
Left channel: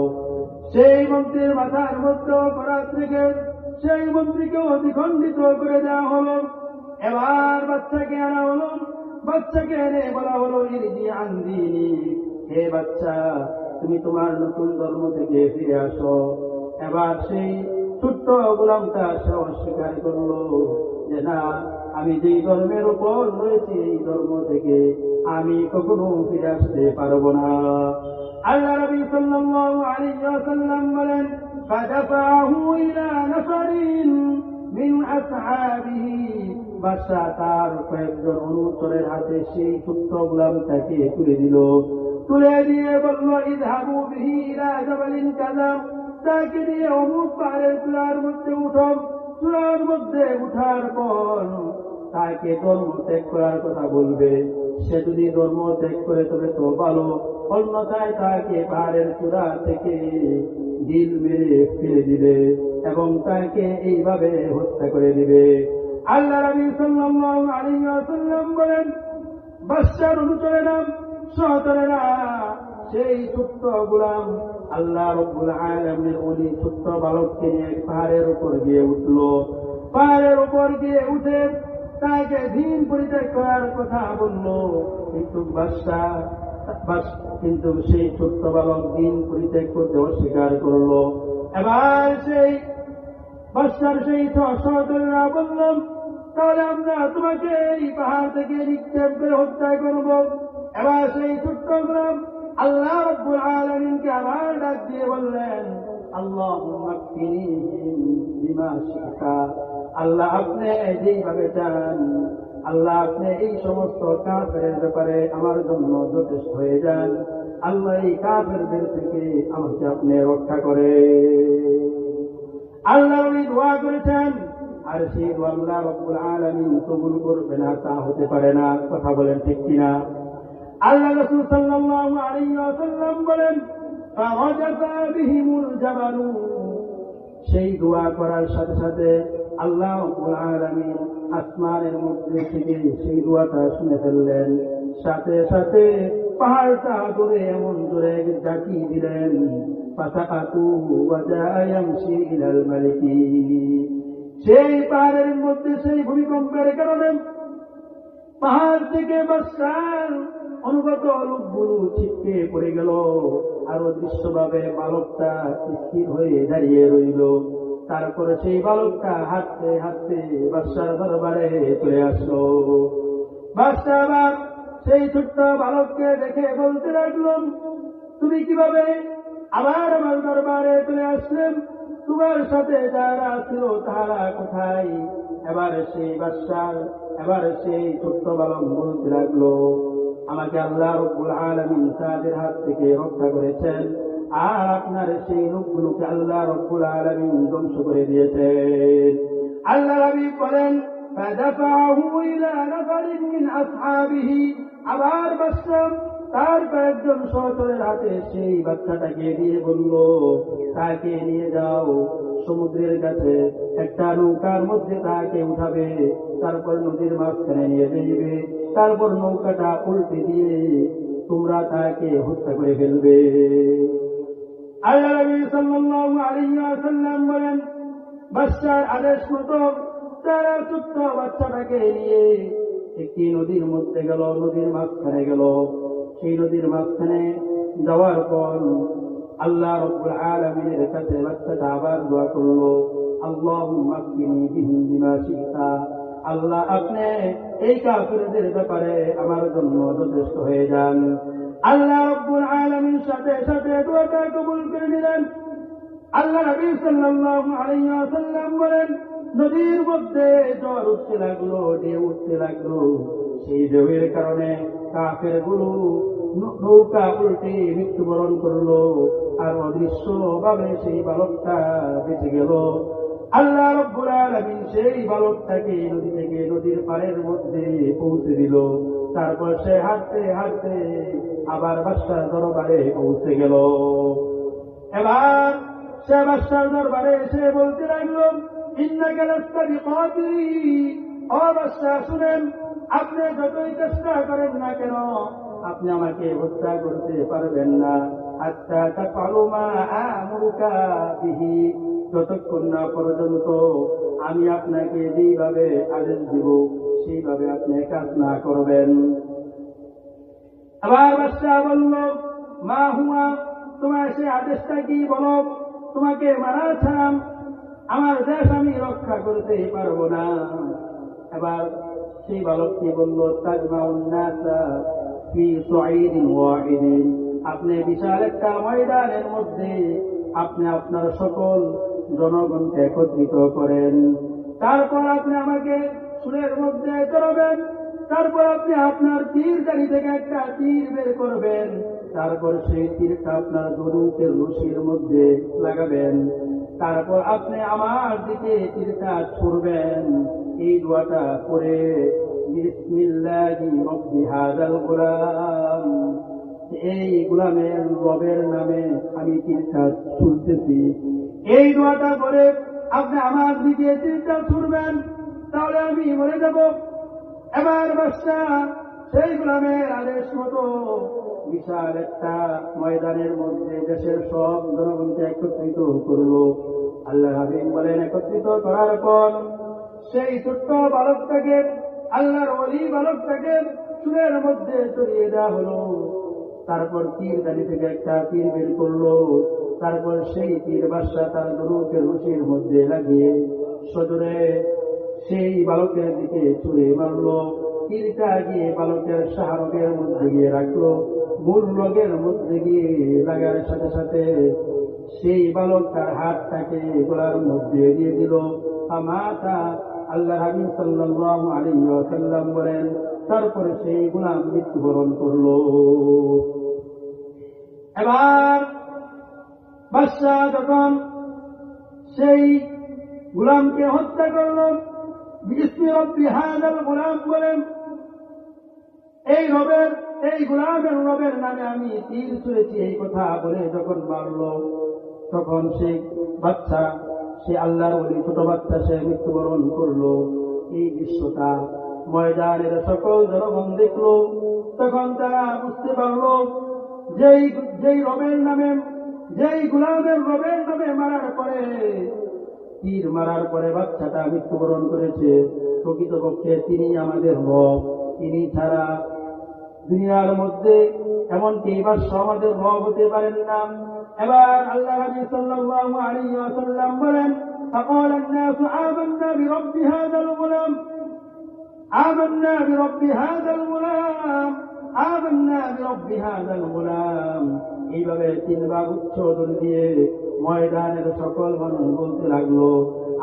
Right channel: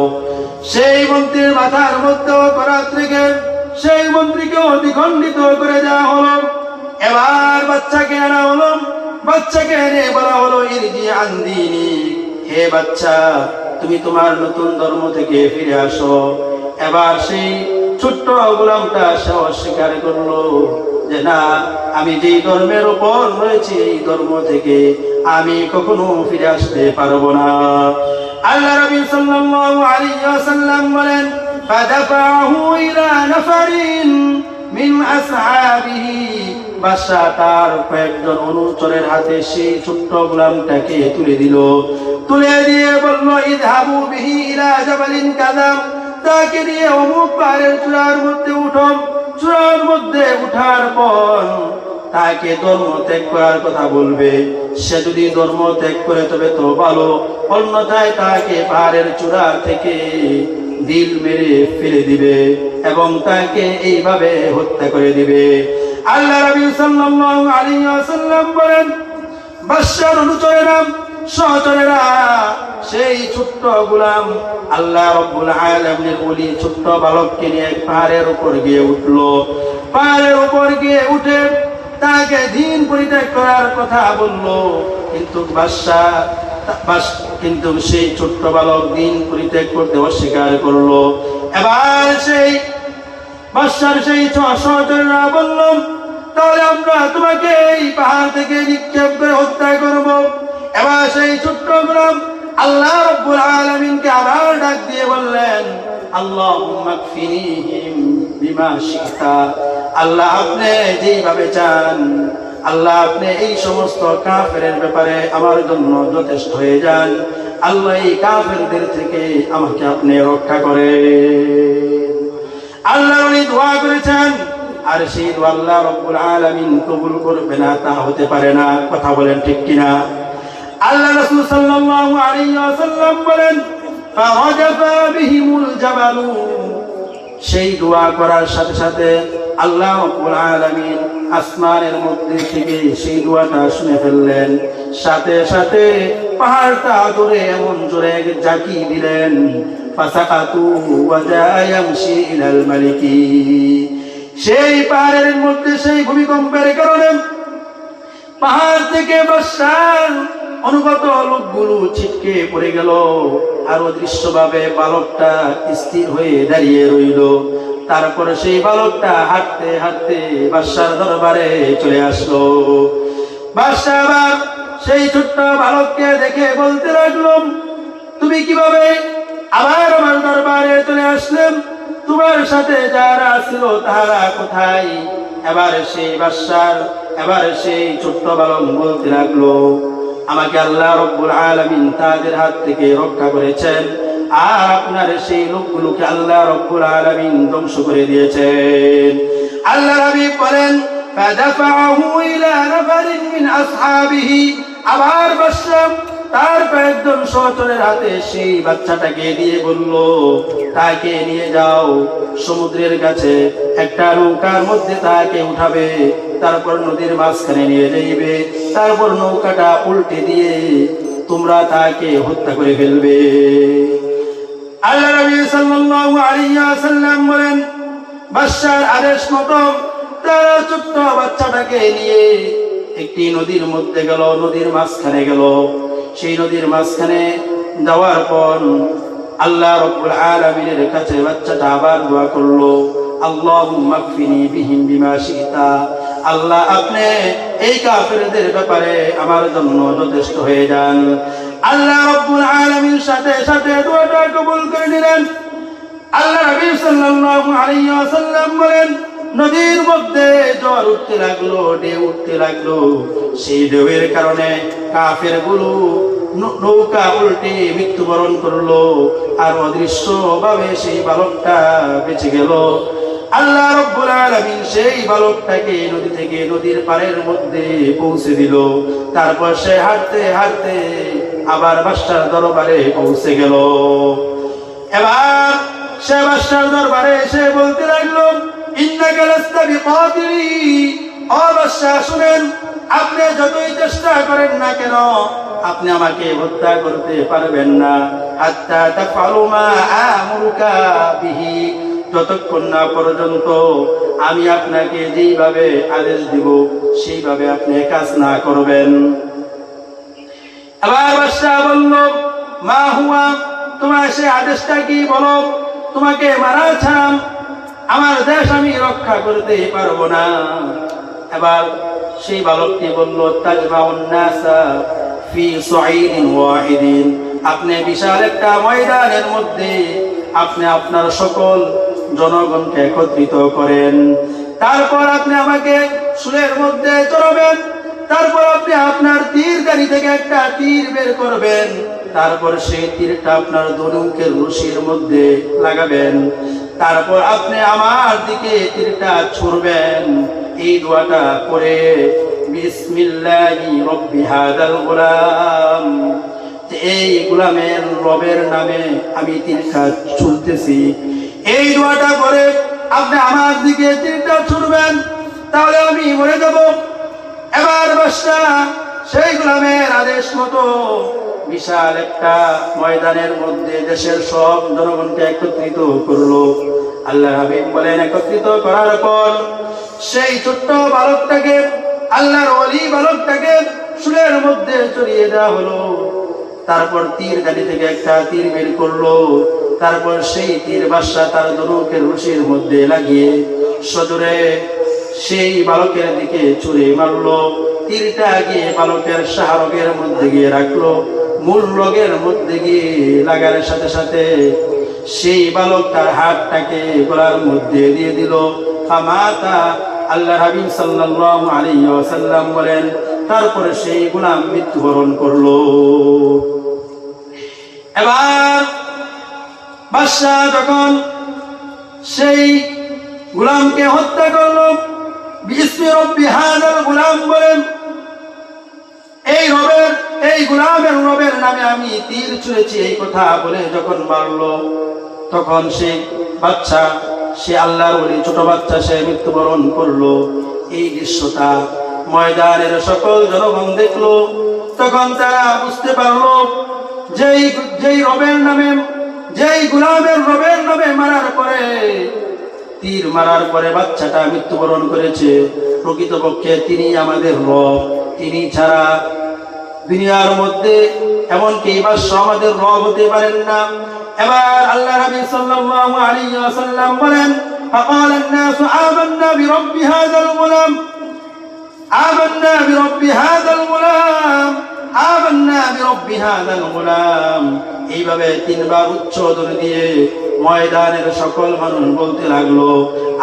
সেই মন্ত্রীর মাথার মধ্যে করাত থেকে সেই মন্ত্রীকেও দ্বিখণ্ডিত করে দেওয়া হলো। এবার বাচ্চাকে আনা হলো। বাচ্চাকে এনে বলা হলো, ইরজি আন দীনিক, হে বাচ্চা তুমি তোমার নতুন ধর্ম থেকে ফিরে আসো। এবার সেই ছোট্ট গোলামটা সে অস্বীকার করলো যে না, আমি যেই ধর্মের উপর রয়েছি এই ধর্ম থেকে আমি কখনো ফিরে আসতে পারবো না। আল্লাহ নবী সাল্লাল্লাহু আলাইহি ওয়াসাল্লাম বলেন, ফাদাফাহু ইলা নাফারিন মিন আসহাবিহি, বাদশা তার কয়েকজন অনুচরের হাতে সেই ছোট্ট গোলামটাকে তুলে দিল। তুলে দিয়ে বলল, ইযহাবু বিহি ইলা জাবালিন কাযা, তাকে দিয়ে অমুক পাহাড়ের চূড়ার মধ্যে উঠো। চূড়ার মধ্যে উঠার পর তাকে ধর্ম ত্যাগ করার কথা বলবে। সে যদি ধর্ম ত্যাগ করে তবে তো ভালো, অন্যথায় তাকে পাহাড়ের চূড়া থেকে দিল মেরে ফেলে দিবে এবং তাকে এইভাবে হত্যা করে দিবে। আল্লাহ নবী সাল্লাল্লাহু আলাইহি ওয়াসাল্লাম বলেন, বাদশার অনুচরেরা সহচরেরা সেই ছোট্ট গোলাম আল্লাহ রাব্বুল আলামিনের ওলি ছোট্ট বালককে নিয়ে পাহাড়ের উপর গিয়ে উঠলো। পাহাড়ের উপর গিয়ে উঠে তাকে দিন পরিত্যাগ করার কথা বললো, কিন্তু সেই ছোট্ট বালক দিন পরিত্যাগ করতে অস্বীকার করলো। এবার সেই বাদশার সেই সহচরেরা বলল, তাহলে আমরা তোমাকে এই পাহাড় থেকে নিক্ষেপ করে হত্যা করব। এবার সেই ছোট্ট গোলাম আল্লাহ রাব্বুল আলামিনকে আবার ডাক দিয়ে বললেন, আল্লাহুম্মা কফিনিহিম বিমা শিতা, আল্লাহ আপনি যেভাবে চান, আল্লাহ আপনি এই সমস্ত কাফেরের ব্যাপারে আমার জন্য যথেষ্ট হয়ে যান। আল্লাহ এই কাফেরদের থেকে আমাকে আপনি রক্ষা করেন। আল্লাহ উনি দোয়া করেছেন, আর সেই দোয়া আল্লাহ রাব্বুল আলামিন কবুল করবে না তা হতে পারে না। কথা বলেন ঠিক কিনা? আল্লাহ রাসূল সাল্লাল্লাহু আলাইহি ওয়াসাল্লাম বলেন, ফাওয়াজাফা বিহিমুল জাবালু, সেই দোয়া করার সাথে সাথে আল্লাহ রাব্বুল আলামিন আসমানের মধ্যে থেকে সেই দোয়াটা শুনে ফেললেন। সাথে সাথে পাহাড়টা ধরে এমন জোরে জাকি দিলেন, ফাসাকাতু ওয়া জায়ামশি ইলাল মালিকি, সেই পাহাড়ের মধ্যে সেই ভূমিকম্পের কারণে পাহাড় থেকে বাদশার অনুগত লোকগুলো ছিটকে পড়ে গেল। আর অদৃশ্যভাবে বালকটা স্থির হয়ে দাঁড়িয়ে রইল। তারপরে সেই বালকটা হাঁটতে হাঁটতে বাদশার দরবারে চলে আসলো। বাদশা আবার সেই ছোট্ট বালককে দেখে বলতে লাগলো, তুমি কিভাবে আবার আমার দরবারে চলে আসলেন? তোমার সাথে যারা ছিল তারা কোথায়? এবার সেই ছোট্ট বালক বলতে লাগলো, আমাকে আল্লাহ রাব্বুল আলামিন তাদের হাত থেকে রক্ষা করেছেন, আর আপনার সেই লোকগুলোকে আল্লাহ রাব্বুল আলামিন ধ্বংস করে দিয়েছেন। আল্লাহ নবী বলেন, ফাদাফাহু ইলা নাফারিন মিন আসহাবিহি, আবার বাদশা তার কয়েকজন সহচরের হাতে সেই বাচ্চাটাকে দিয়ে বলল, তাকে নিয়ে যাও সমুদ্রের কাছে, একটা নৌকার মধ্যে তাকে উঠাবে, তারপর নদীর মাঝখানে নিয়ে যাইবে, তারপর নৌকাটা উল্টে দিয়ে তোমরা তাকে হত্যা করে ফেলবে। আল্লাহ নবী সাল্লাল্লাহু আলাইহি ওয়াসাল্লাম বলেন, বাদশার আদেশ মতো তারা ছোট্ট বাচ্চাটাকে নিয়ে একটি নদীর মধ্যে গেল, নদীর মাঝখানে গেল। সেই নদীর মাঝখানে যাওয়ার পর আল্লাহ রাব্বুল আলামিনের কাছে বাচ্চাটা আবার দোয়া করলো, আল্লাহুম্মা কফিনি বিহিম বিমা শিতা। আল্লাহ, আপনি এই কাফেরদের ব্যাপারে আমার জন্য যথেষ্ট হয়ে যান। আল্লাহ রাব্বুল আলামিন সাথে সাথে দোয়াটা কবুল করে নিলেন। আল্লাহ নবী সাল্লাল্লাহু আলাইহি ওয়াসাল্লাম বলেন, নদীর মধ্যে ঝড় উঠতে লাগলো, ঢেউ উঠতে লাগলো। সেই ঢেউয়ের কারণে কাফেরগুলো নৌকা উল্টে মৃত্যুবরণ করলো, আর অদৃশ্য ভাবে সেই বালকটা বেঁচে গেল। আল্লাহ রাব্বুল আলামিন সেই বালকটাকে নদী থেকে নদীর পাড়ের মধ্যে পৌঁছে দিল। তারপর সে হাঁটতে হাঁটতে আবার বাদশার দরবারে পৌঁছে গেল। এবার সে বাদশার দরবারে এসে বলতে লাগলো, ইন্নাকা লাস্তা বিকাতিলি। ও বাদশা, শুনেন, আপনি যতই চেষ্টা করেন না কেন, আপনি আমাকে হত্যা করতে পারবেন না। হাত্তা তাফআলু মা আমুরুকা বিহি, যতক্ষণ না পর্যন্ত আমি আপনাকে যেইভাবে আদেশ দিব সেইভাবে আপনি কাজ না করবেন। আবার বাদশা বলল, মা হুয়া, তোমার সে আদেশটা কি বলো? তোমাকে মারা ছাড়া আমার দেশ আমি রক্ষা করতে পারবো না। এবার সেই বালকটি বলল, তাজমাউন নাসা ফি সুঈদিন ওয়াহিদিন, আপনি বিশাল একটা ময়দানের মধ্যে আপনি আপনার সকল জনগণকে একত্রিত করেন। তারপর আপনি আমাকে সুরের মধ্যে চড়াবেন। তারপর আপনি আপনার তীর গাড়ি থেকে একটা তীর বের করবেন। তারপর সেই তীরটা আপনার ধনুকের রশির মধ্যে লাগাবেন। তারপর আপনি আমার দিকে তীরটা ছুড়বেন। এই দোয়াটা করে, বিসমিল্লাহি রব্বি হাদাল গোলাম, এই গোলামের রবের নামে আমি তীরটা ছুড়তেছি। এই দোয়াটা করে আপনি আমার দিকে তীরটা ছুড়বেন, তাহলে আমি মরে যাব। এবার বাদশা সেই গোলামের আদেশ মতো বিশাল একটা ময়দানের মধ্যে দেশের সব জনগণকে একত্রিত করলো। আল্লাহ হাবিব বলেন, একত্রিত করার পর সেই ছোট্ট বালকটাকে, আল্লাহর ওলি বালকটাকে সুরের মধ্যে চড়িয়ে দেওয়া হলো। তারপর তীর গাড়ি থেকে একটা তীর বের করলো। তারপর সেই তীর বাদশা তার ধনুকের রশির মধ্যে লাগিয়ে সজোরে সেই বালকের দিকে ছুঁড়ে মারলো। তীরটা গিয়ে বালকের শাহরগের মধ্যে গিয়ে রাখলো। মূল রগের মধ্যে গিয়ে লাগার সাথে সাথে সেই বালক তার হাতটাকে গলার মধ্যে দিয়ে দিল। ফামাতা, আল্লাহ হাবিব সাল্লাল্লাহু আলাইহি ওয়াসাল্লাম বলেন, তারপরে সেই গোলাম মৃত্যুবরণ করলো। এবার বাদশা যখন সেই গোলামকে হত্যা করলো, বিসমি রব্বি হাদাল গোলাম বলেন, এই গোলামের রবের নামে আমি তীর ছুঁড়েছি, এই কথা বলে যখন মারলো, তখন সেই বাচ্চা, সে আল্লাহর ওলি ছোট বাচ্চা, সে মৃত্যুবরণ করলো। এই দৃশ্যটা ময়দানের সকল জনগণ দেখলো। তখন তারা বুঝতে পারলো, যেই রবের নামে, যেই গোলামের রবের নামে মারার পরে, তীর মারার পরে বাচ্চাটা মৃত্যুবরণ করেছে, প্রকৃতপক্ষে তিনি আমাদের রব। তিনি ছাড়া দুনিয়ার মধ্যে এমনকি বাদশা আমাদের রব হতে পারেন না। এবার আল্লাহ নবী সাল্লাল্লাহু আলাইহি ওয়াসাল্লাম বলেন, ফাকালা الناس آمنا برب هذا الغلام آمنا برب هذا الغلام آمنا برب هذا الغلام। এইভাবে তিনবার উচ্চধ্বনি দিয়ে ময়দানের সকল মানুষ বলতে লাগলো,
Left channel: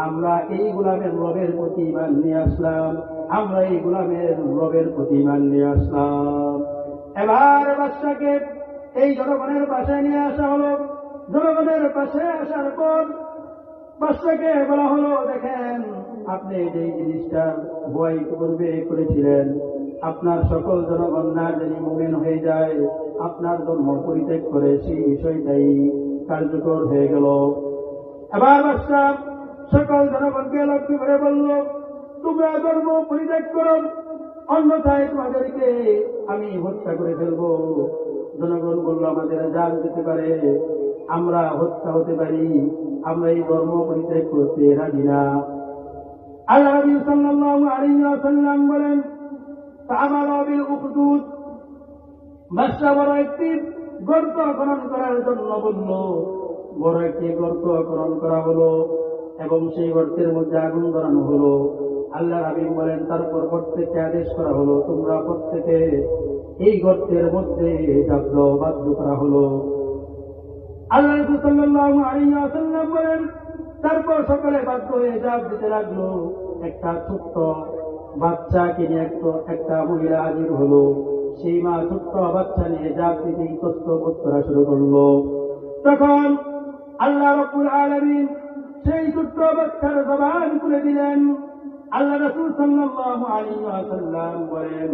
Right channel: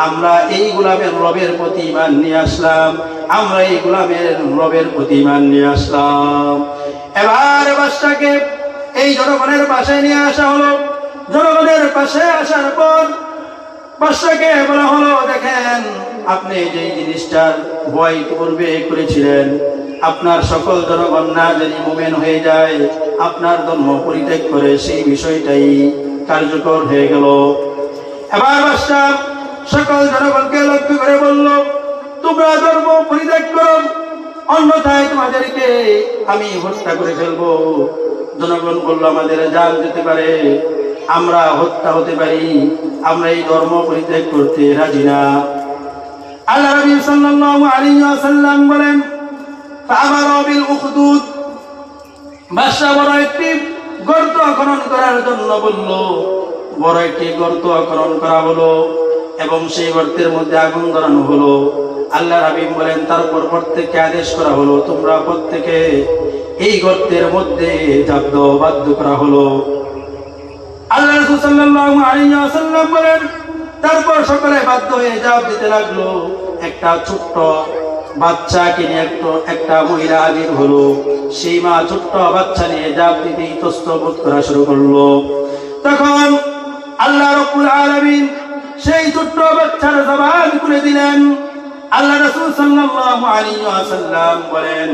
আমরা এই গোলামের রবের প্রতি ঈমান নিয়ে আসলাম, আমরা এই গোলামের রবের প্রতি ঈমান নিয়ে আসলাম। এবার বাদশাকে এই জনগণের পাশে নিয়ে আসা হলো। জনগণের পাশে আসার পর বাদশাকে বলা হলো, দেখেন, আপনি যে জিনিসটার ভয় পূর্বে করেছিলেন, আপনার সকল জনগণ না জানি মুমিন হয়ে যায়, আপনার ধর্ম পরিত্যাগ করে সেই বিষয়টাই কার্যকর হয়ে গেল। এবার বাদশা সকল জনগণকে লক্ষ্য করে বলল, তোমরা ধর্ম পরিত্যাগ করো, অন্যথায় তোমাদেরকে আমি হত্যা করে ফেলবো। জনগণ বলল, আমাদের জান যেতে পারে, আমরা হত্যা হতে পারি, আমরা এই ধর্ম পরিত্যাগ করতে রাজি না। আল্লাহ নবী সাল্লাল্লাহু আলাইহি ওয়াসাল্লাম বলেন, ফাআমারা বিল উখদুদ, বাদশা বড় একটি গর্ত খনন করার জন্য বলল। বড় একটি গর্ত খনন করা হলো এবং সেই গর্তের মধ্যে আগুন ধরানো হলো। আল্লাহ হাবিব বলেন, তারপর প্রত্যেককে আদেশ করা হলো, তোমরা প্রত্যেকে এই গর্তের মধ্যে ঝাঁপ দাও, বাধ্য করা হলো। আল্লাহ রাসূল সাল্লাল্লাহু আলাইহি ওয়াসাল্লাম বলেন, তারপর সকলে বাধ্য হয়ে ঝাঁপ দিতে লাগলো। একটা ছোট্ট বাচ্চাকে নিয়ে একটা মহিলা আবির হলো। সেই মা ছোট্ট বাচ্চা নিয়ে ঝাঁপ দিতে ইতস্তত করা শুরু করলো। তখন আল্লাহ রাব্বুল আলামিন সেই ছোট্ট বাচ্চার জবান খুলে দিলেন। আল্লাহ রাসূল সাল্লাল্লাহু আলাইহি ওয়াসাল্লাম বলেন,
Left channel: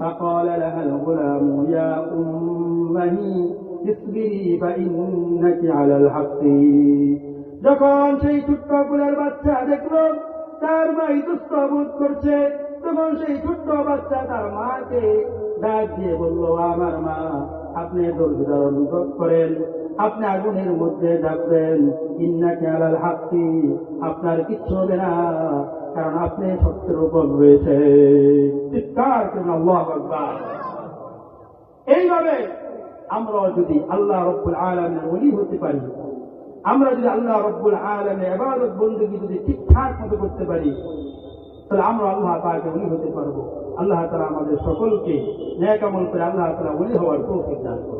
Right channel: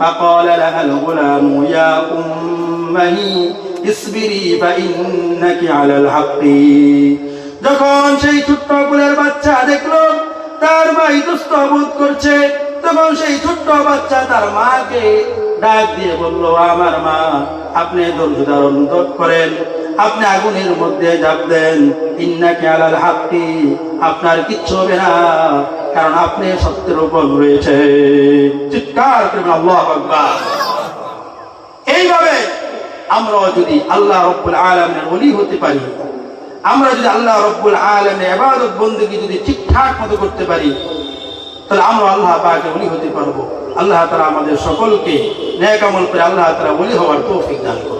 ফাকালা লাহাল গুলামু ইয়া উম্মাহি ইসবিরি ফাইন্নাকি আলাল হাক্কি। যখন সেই ছোট্ট কোলের বাচ্চা দেখলো তার মা ইতস্ত বোধ করছে, তখন সেই ছোট্ট বাচ্চা তার মাকে ডাক দিয়ে বলল, আমার মা, আপনি ধৈর্য ধারণ করেন, আপনি আগুনের মধ্যে ঝাঁপ দেন, ইন্নাকি আলাল হাক্কি, আপনার কিচ্ছু হবে না, কারণ আপনি সত্যের উপর রয়েছে। চিৎকার করবেন আল্লাহু আকবার। এইভাবে আমরা যদি আল্লাহ রাব্বুল আলামিনের ওলি হতে পারি, আমরা যদি আল্লাহ রাব্বুল আলামিনের ইবাদত বندگی যদি ঠিকঠাক মতো করতে পারি, তাহলে আমরা আল্লাহ পাকের ওলি হতে পারবো। আল্লাহ তাআলা আমাদের সকলকে নেক আমল করে আল্লাহ তাআলা ওলি হওয়ার তৌফিক দান করুন।